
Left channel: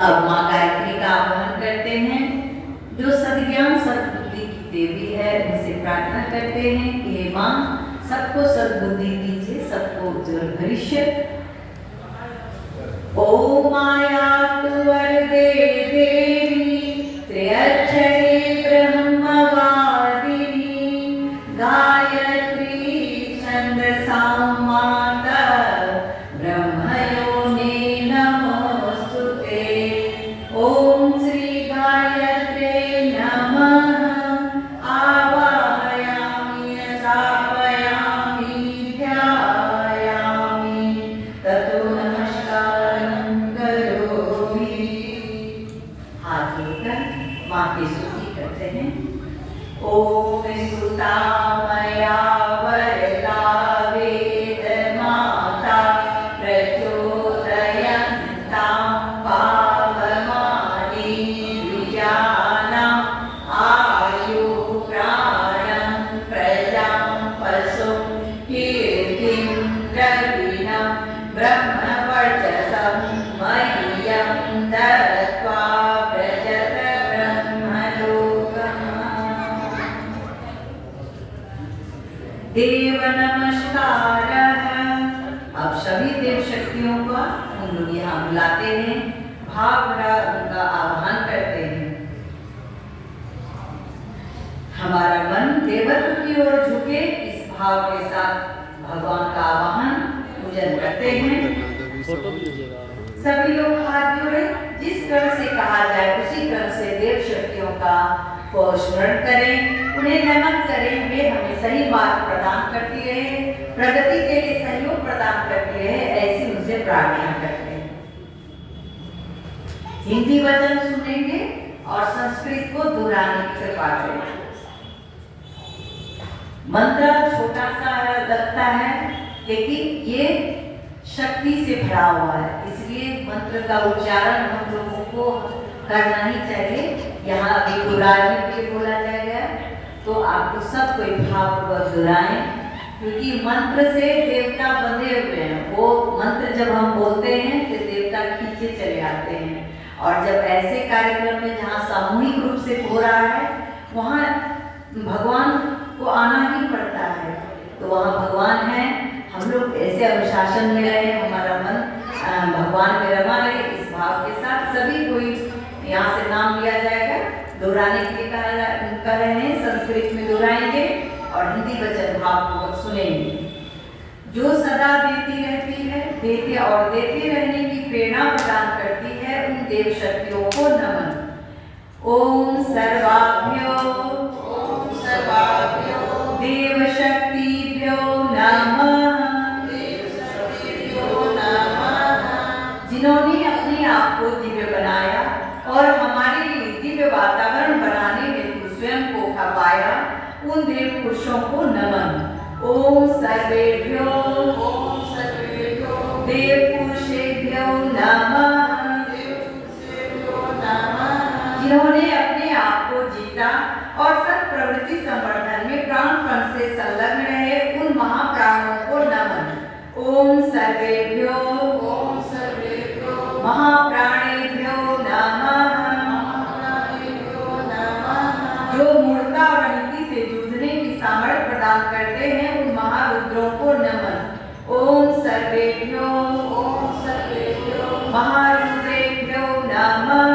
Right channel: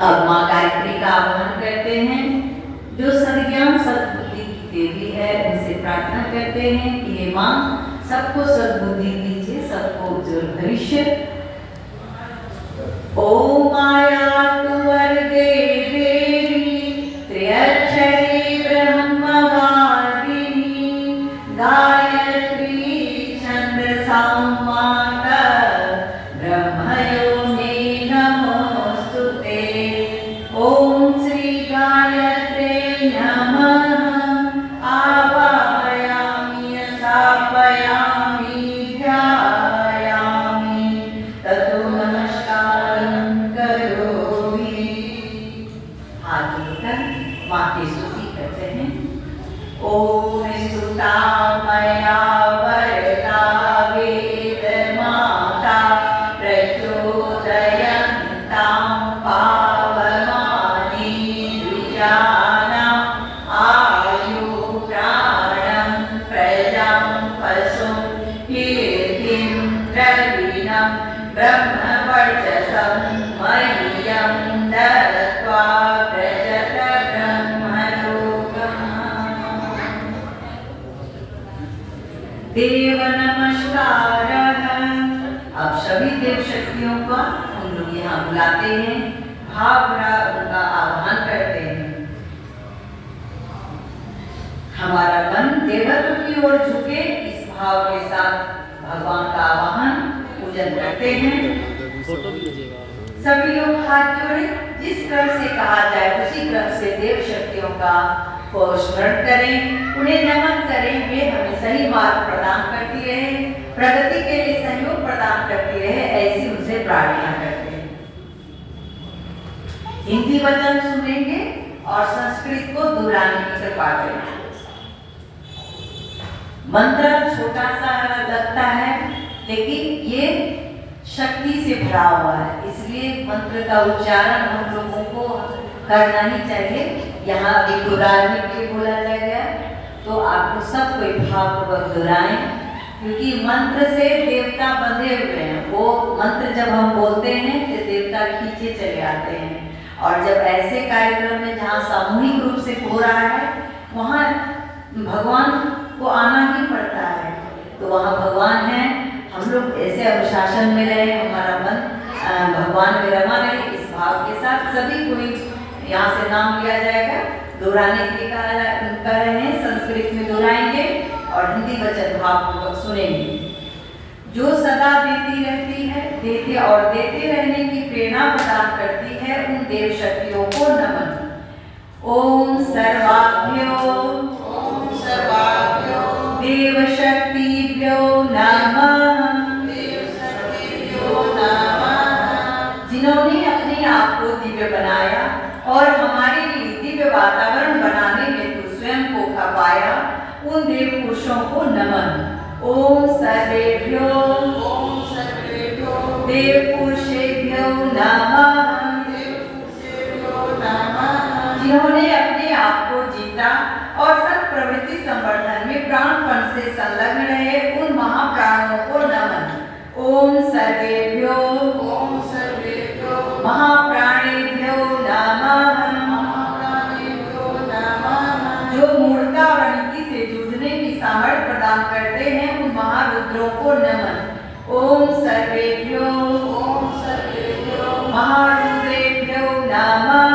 अब माँ गायत्री का आह्वान करते हैं, जो सद्ज्ञान सद्बुद्धि की देवी है, उनसे प्रार्थना करते हैं कि हे माँ सबको सद्बुद्धि दीजिए, सबको उज्जवल भविष्य। ओम माया वरदे देवी त्र्यक्षरी ब्रह्मवादिनी गायत्री छंदसां माता ब्रह्मयोनि नमोस्तुते। ओम श्री गायत्रे नमः। आवाहयामि स्थापयामि ध्यायामि ततो नमस्कारं करोमि। हाथ जोड़कर माँ की स्तुति करते हैं। ओम स्तुता मया वरदा वेद माता प्रचोदयन्तां पावनानि द्विजानाम् आयु प्राणं प्रजां पशुं कीर्तिं द्रविणं ब्रह्मवर्चसं मह्यं दत्त्वा व्रजत ब्रह्मलोकम्। देव नमस्कारः। अब सभी देव शक्तियों का हम लोग यहाँ बुलाते हैं, भाव भरा उनका आह्वान करते हैं। हमारा मन देवत्व की ओर झुके, इस भाव के साथ भगवान का आह्वान पूजन करते हैं। फोटो भी लीजिएगा। सभी लोग हाथ जोड़े, जिस क्रम से कहा जाए उसी क्रम से देव शक्तियों का स्मरण करें, उन्हें नमन करें। वे हमें सही मार्ग प्रदान करती रहे, प्रगति के लिए सहयोग प्रदान करती रहे, ऐसी उनसे प्रार्थना करते हैं। हिंदी वचन सुनेंगे और संस्कृत को दोहराने की कृपा करें। मंत्र छोटा सा लगता है, लेकिन ये शक्ति से भरा हुआ है, इसलिए मंत्र का उच्चारण हम लोगों को करना ही चाहिए। यहाँ अभी दोहराने के लिए बोला जाएगा, तो आपको सब कोई भावपूर्वक दोहराएं, क्योंकि मंत्र से देवता बंधे हुए हैं। वो मंत्र जब हम बोलते हैं तो देवता खींचे चले आते हैं। और जब ऐसे कार्यक्रम में जहाँ सामूहिक रूप से हो रहा है, वहाँ भगवान को आना ही वृद्धाश्रम में रहे, हमारा मन भगवान में रमा रहे। इस भाव के साथ सभी कोई यहाँ से नाम लिया जाएगा, दोहराने के लिए कर रहे हैं। संस्कृत में दोहराएंगे और हिंदी वचन भाव पूर्वक सुनेंगे। जो सदा देती रहती है, देते और देते रहने की प्रेरणा प्रदान करती है, उन देव शक्तियों को नमन। ओम सर्वाभ्यो देव शक्तिभ्यो नमः। जिन्होंने अपने आप को दिव्य बनाया और हमारे लिए दिव्य वातावरण बनाने में स्वयं को खपाया, उन देव पुरुषों को नमन। ओम सर्वेभ्यो देव पुरुषेभ्यो नमः। जिन्होंने अपने आप को जीता और सब प्रवृत्ति संवर्धन में प्राणपण से संलग्न रहे, उन महाप्राणों को नमन। ओम सर्वेभ्यो महाप्राणेभ्यो नमः। जो मूर्ता वृत्ति से जूझने की सामर्थ्य प्रदान करते हैं, उन महारुद्रों को नमन। ओम सर्वेभ्यो महारुद्रेभ्यो नमः।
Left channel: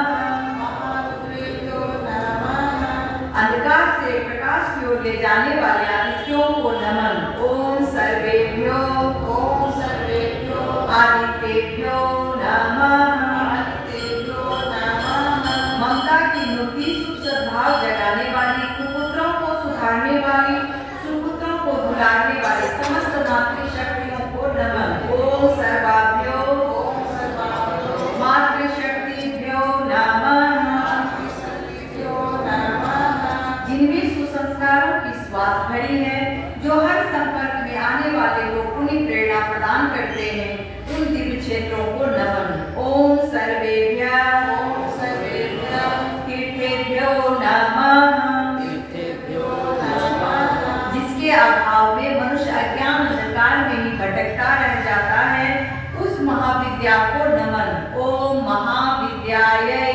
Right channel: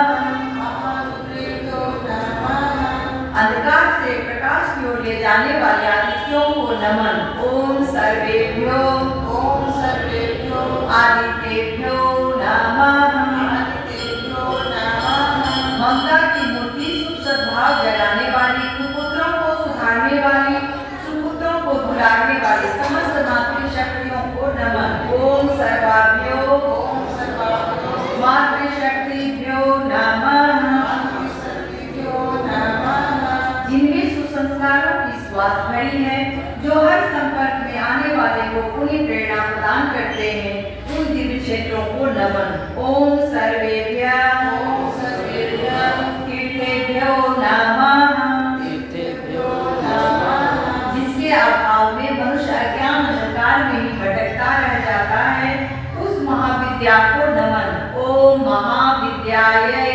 अंधकार से प्रकाश की ओर ले जाने वाले आदित्यों को नमन। ओम सर्वेभ्यो आदित्येभ्यो नमः। ममता की मूर्ति सुख सद्भाव जगाने वाली, कुपुत्रों को सुधारने वाली, सुपुत्रों को दुलारने वाली समस्त मातृशक्तियों को नमन। ओम सर्वाभ्यो मातृशक्तिभ्यो नमः। जिनमें सुसंस्कारों की श्वास भरी है, जो हर संपर्क में आने वाले लोगों की प्रेरणा प्रदान करते हैं, उन दिव्य क्षेत्रों को नमन। ओम सर्वेभ्यः तीर्थेभ्यो नमः। जिसके अभाव में मनुष्य अज्ञान अंधकार में ही भटकता रह जाता है, उस महाविद्या को नमन। ओम महाविद्यायै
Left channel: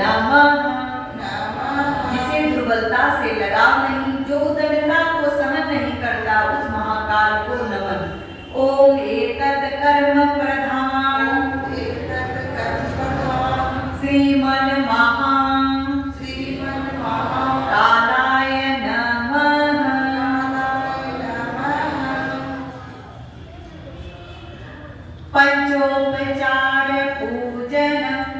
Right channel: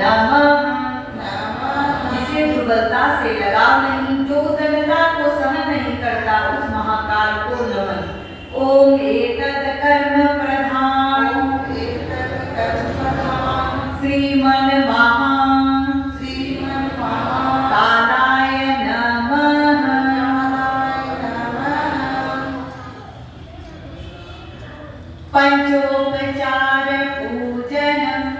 नमः। जिसे दुर्बलता से लगाव नहीं, जो उदारता को सहन नहीं करता, उस महाकाल को नमन। ओम एतत् कर्म प्रधान श्रीमन् महाकालाय नमः। पंचोपचार पूजनम्।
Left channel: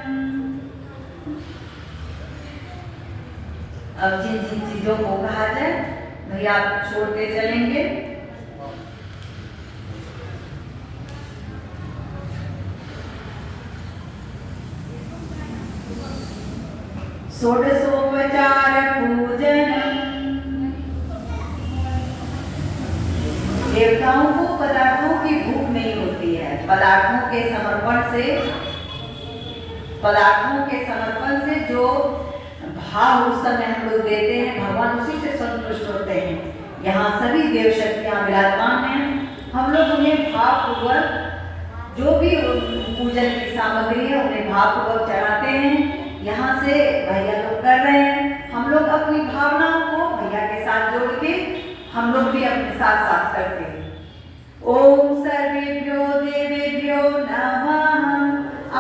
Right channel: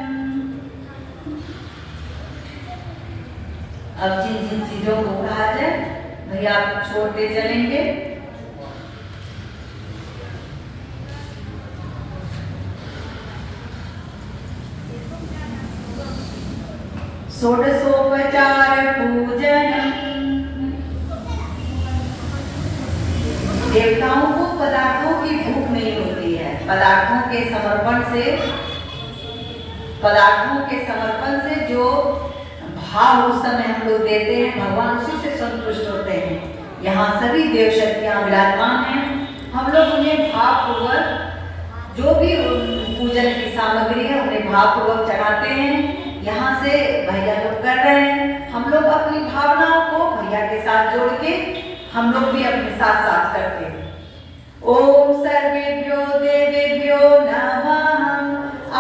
अब जिन जिन चीजों को कहा जाए भैया आप छोड़ते चलेंगे। षोडशोपचार पूजनम्। देवताओं को पदार्थों की भूख नहीं होती है। पदार्थों के समर्पण से जो भाव उस समय हम लोग देते हैं, भगवान उसी से संतुष्ट होते हैं। यहाँ सभी देव शक्तियाँ विराजमान हैं। हम लोग उन्हें भावपूर्वक जो भी पूजन की सामग्री है उन्हें भावपूर्वक चढ़ाते हैं। यहाँ से भैया लोग कर रहे हैं, हम लोग अपनी भावनाओं को भैया के साथ जोड़ के हम लोग भी अपने साथ साथ करते हैं। ओम सर्वेभ्यो देवेभ्यो नमः।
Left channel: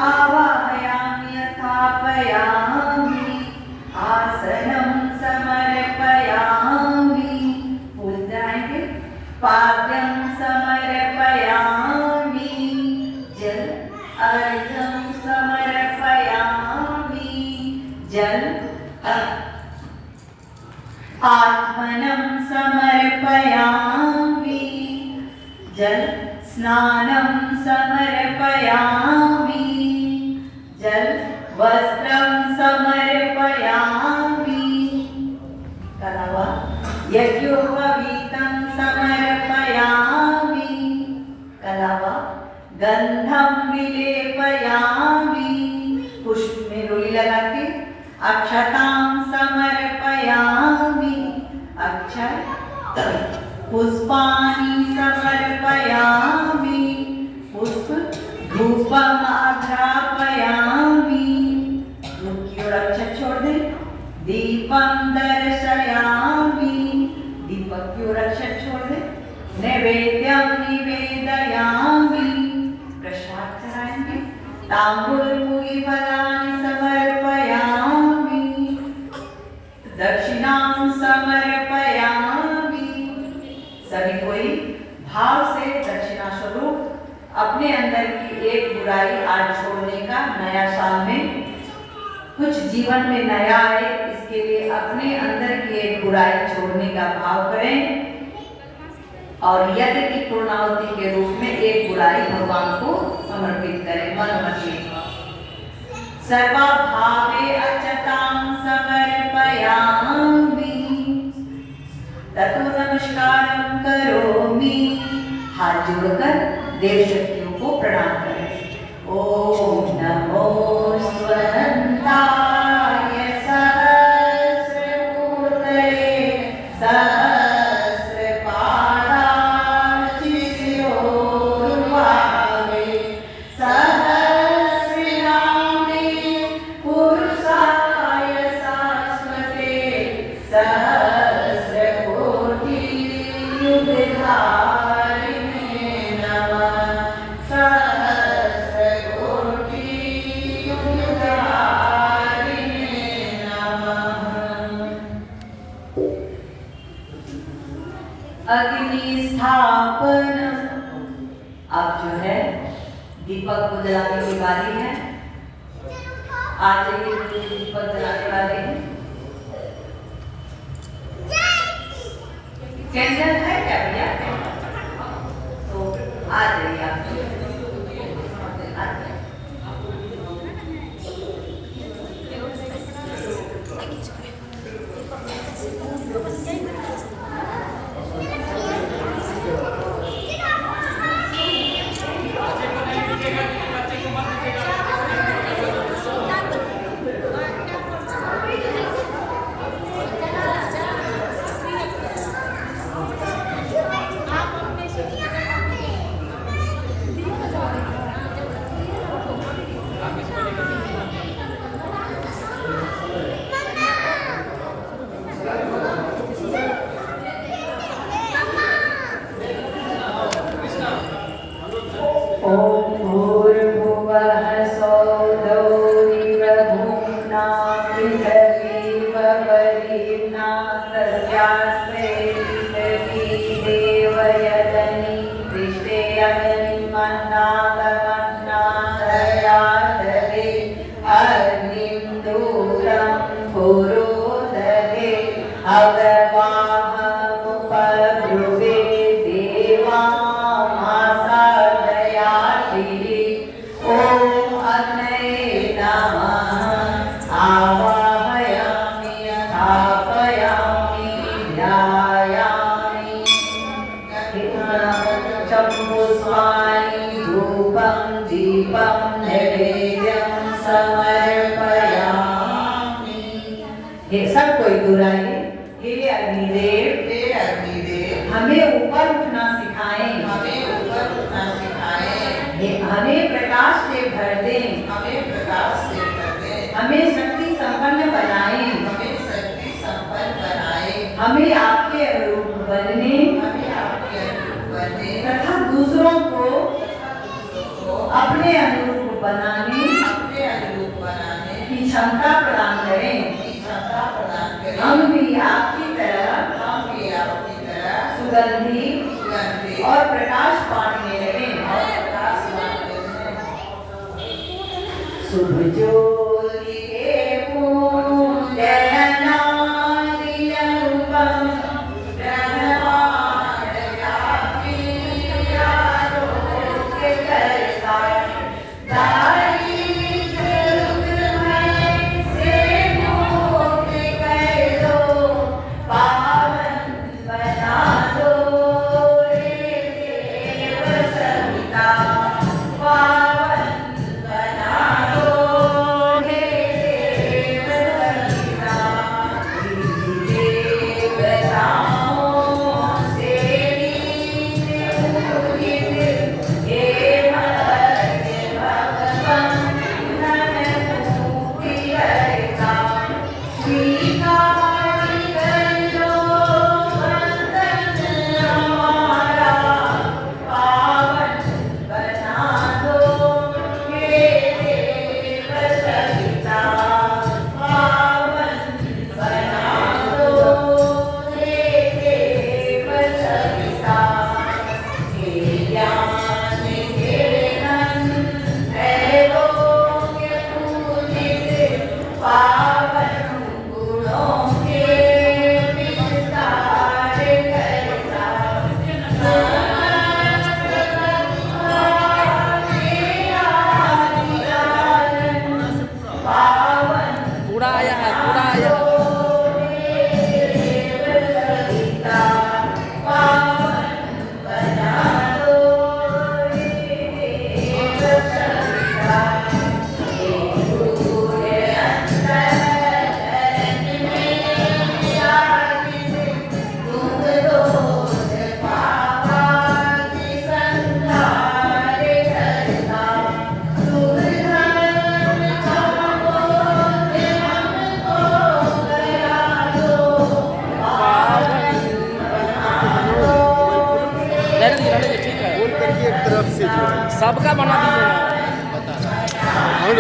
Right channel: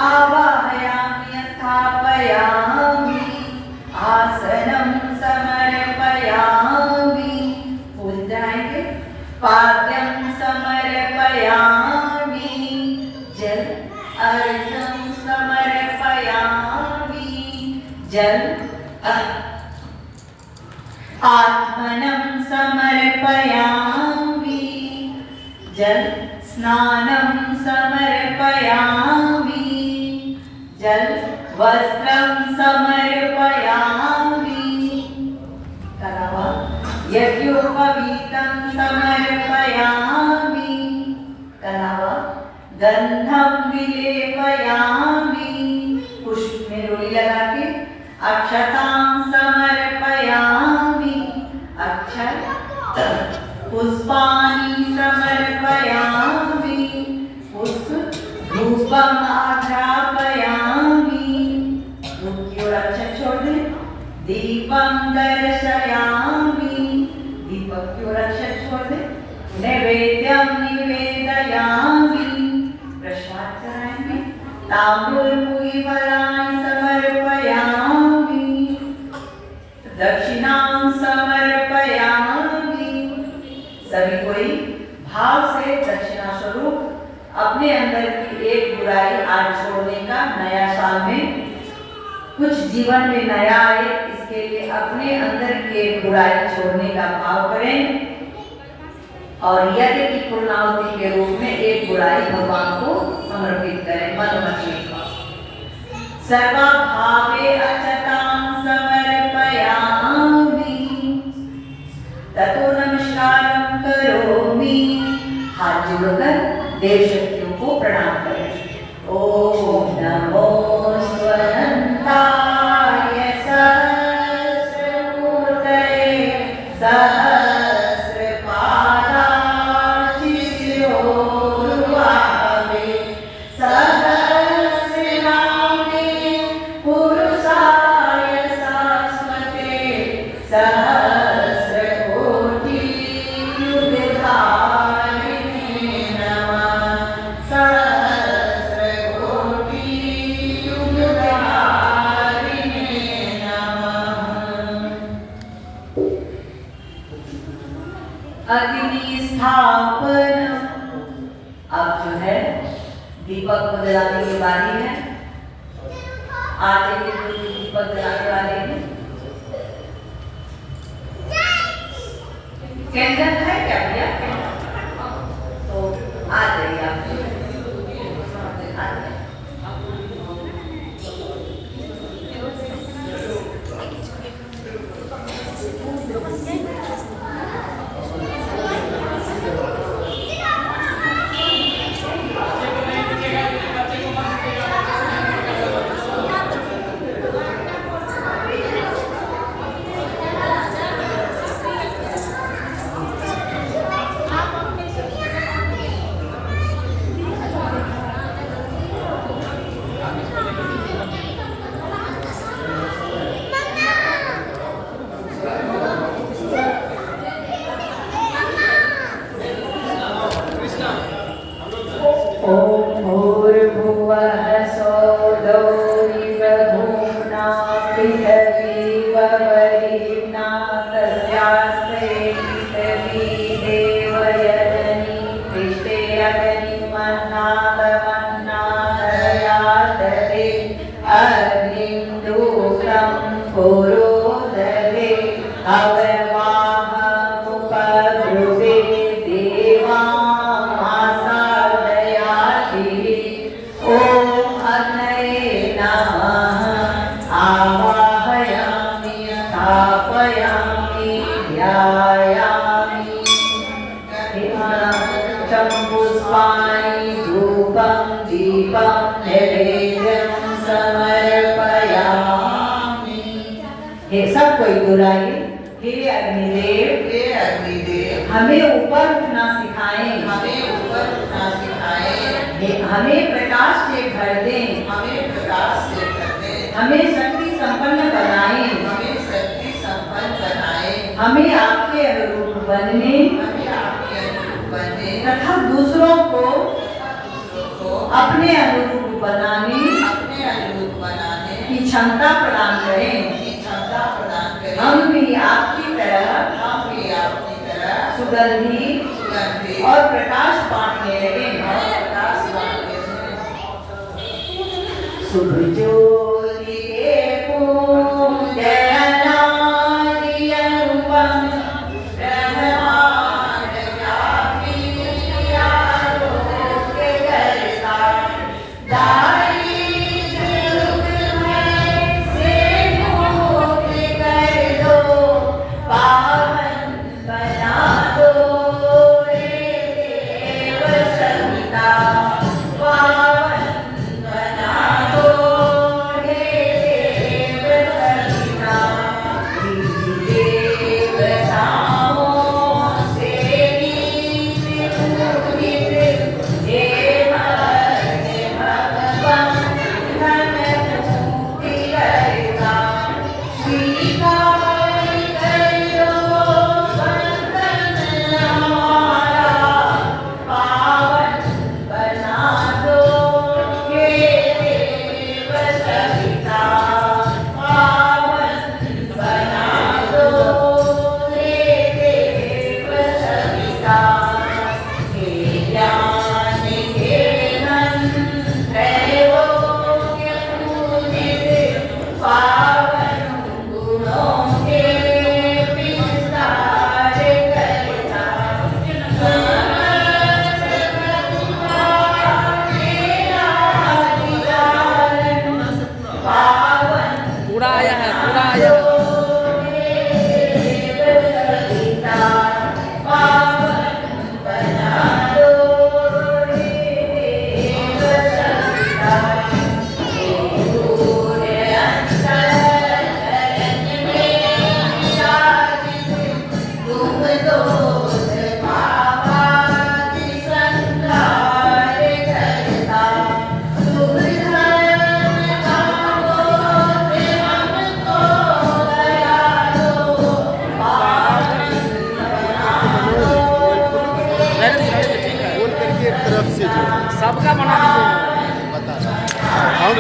आवाहयामि स्थापयामि आसनं समर्पयामि। भूल जाएंगे। पाद्यं समर्पयामि जल अर्घ्यं समर्पयामि जल। आत्मनं समर्पयामि जल। स्नानं समर्पयामि जल। वस्त्रं समर्पयामि। यज्ञोपवीतं समर्पयामि। गंधं विलेपयामि। पुष्प में रोली लगा के। अक्षतां समर्पयामि। अक्षत। पुष्पाणि समर्पयामि। पुष्प। धूपम् आध्यापयामि। धूप की ओर अक्षत छोड़ दें। दीपं दर्शयामि। दीपक की ओर अक्षत छोड़ दें। नैवेद्यं ताम्बूलमुखीफलानि समर्पयामि, दक्षिणां समर्पयामि। सभी कोई भाव से दक्षिणा स्वरूप अपने अंदर की एक बुराई आज छोड़ने का, नया साल में कुछ जीवन में नया आए, इसके लिए अपने अंदर की एक बुराई छोड़ने का भाव करें और यज्ञ की पूर्णाहुति के रूप में एक बुराई भगवान को समर्पित करें। मन में सर्वा भावे अचतां समर्पयामि, ततो नमस्कारं करोमि। हाथ जोड़कर देव शक्तियों को प्रणाम करें। ओम नमो स्वरंताय सहस्रमूर्तये सहस्रपादाय शिरोरुबावे सहस्रनामे पुरुषाय शाश्वते सहस्रकोटि युगधारिणे नमः। सहस्रकोटि युगधारिणे नमः। अग्नि स्थापन। अब जो है दीपक को जलाने की बारी है। आज एक दीपक जलाने वाले हैं। कैंडल है क्या भैया? तो आ जाइए आप। सब कोई बुराई हे अग्निदेव हमें ऊपर उठना सिखाएं, हमें प्रकाश से भर दें, हमें शक्ति संपन्न बनाएं, हमें आपके अनुरूप बनने तथा दूसरों को अपने अनुरूप बनाने की क्षमता प्रदान करें। हम भी आपकी तरह सुगंधी और प्रकाश बांटने लगे। शुभ ज्योति किससे जोड़े सबका बना दिए हैं। बता रहा हूँ।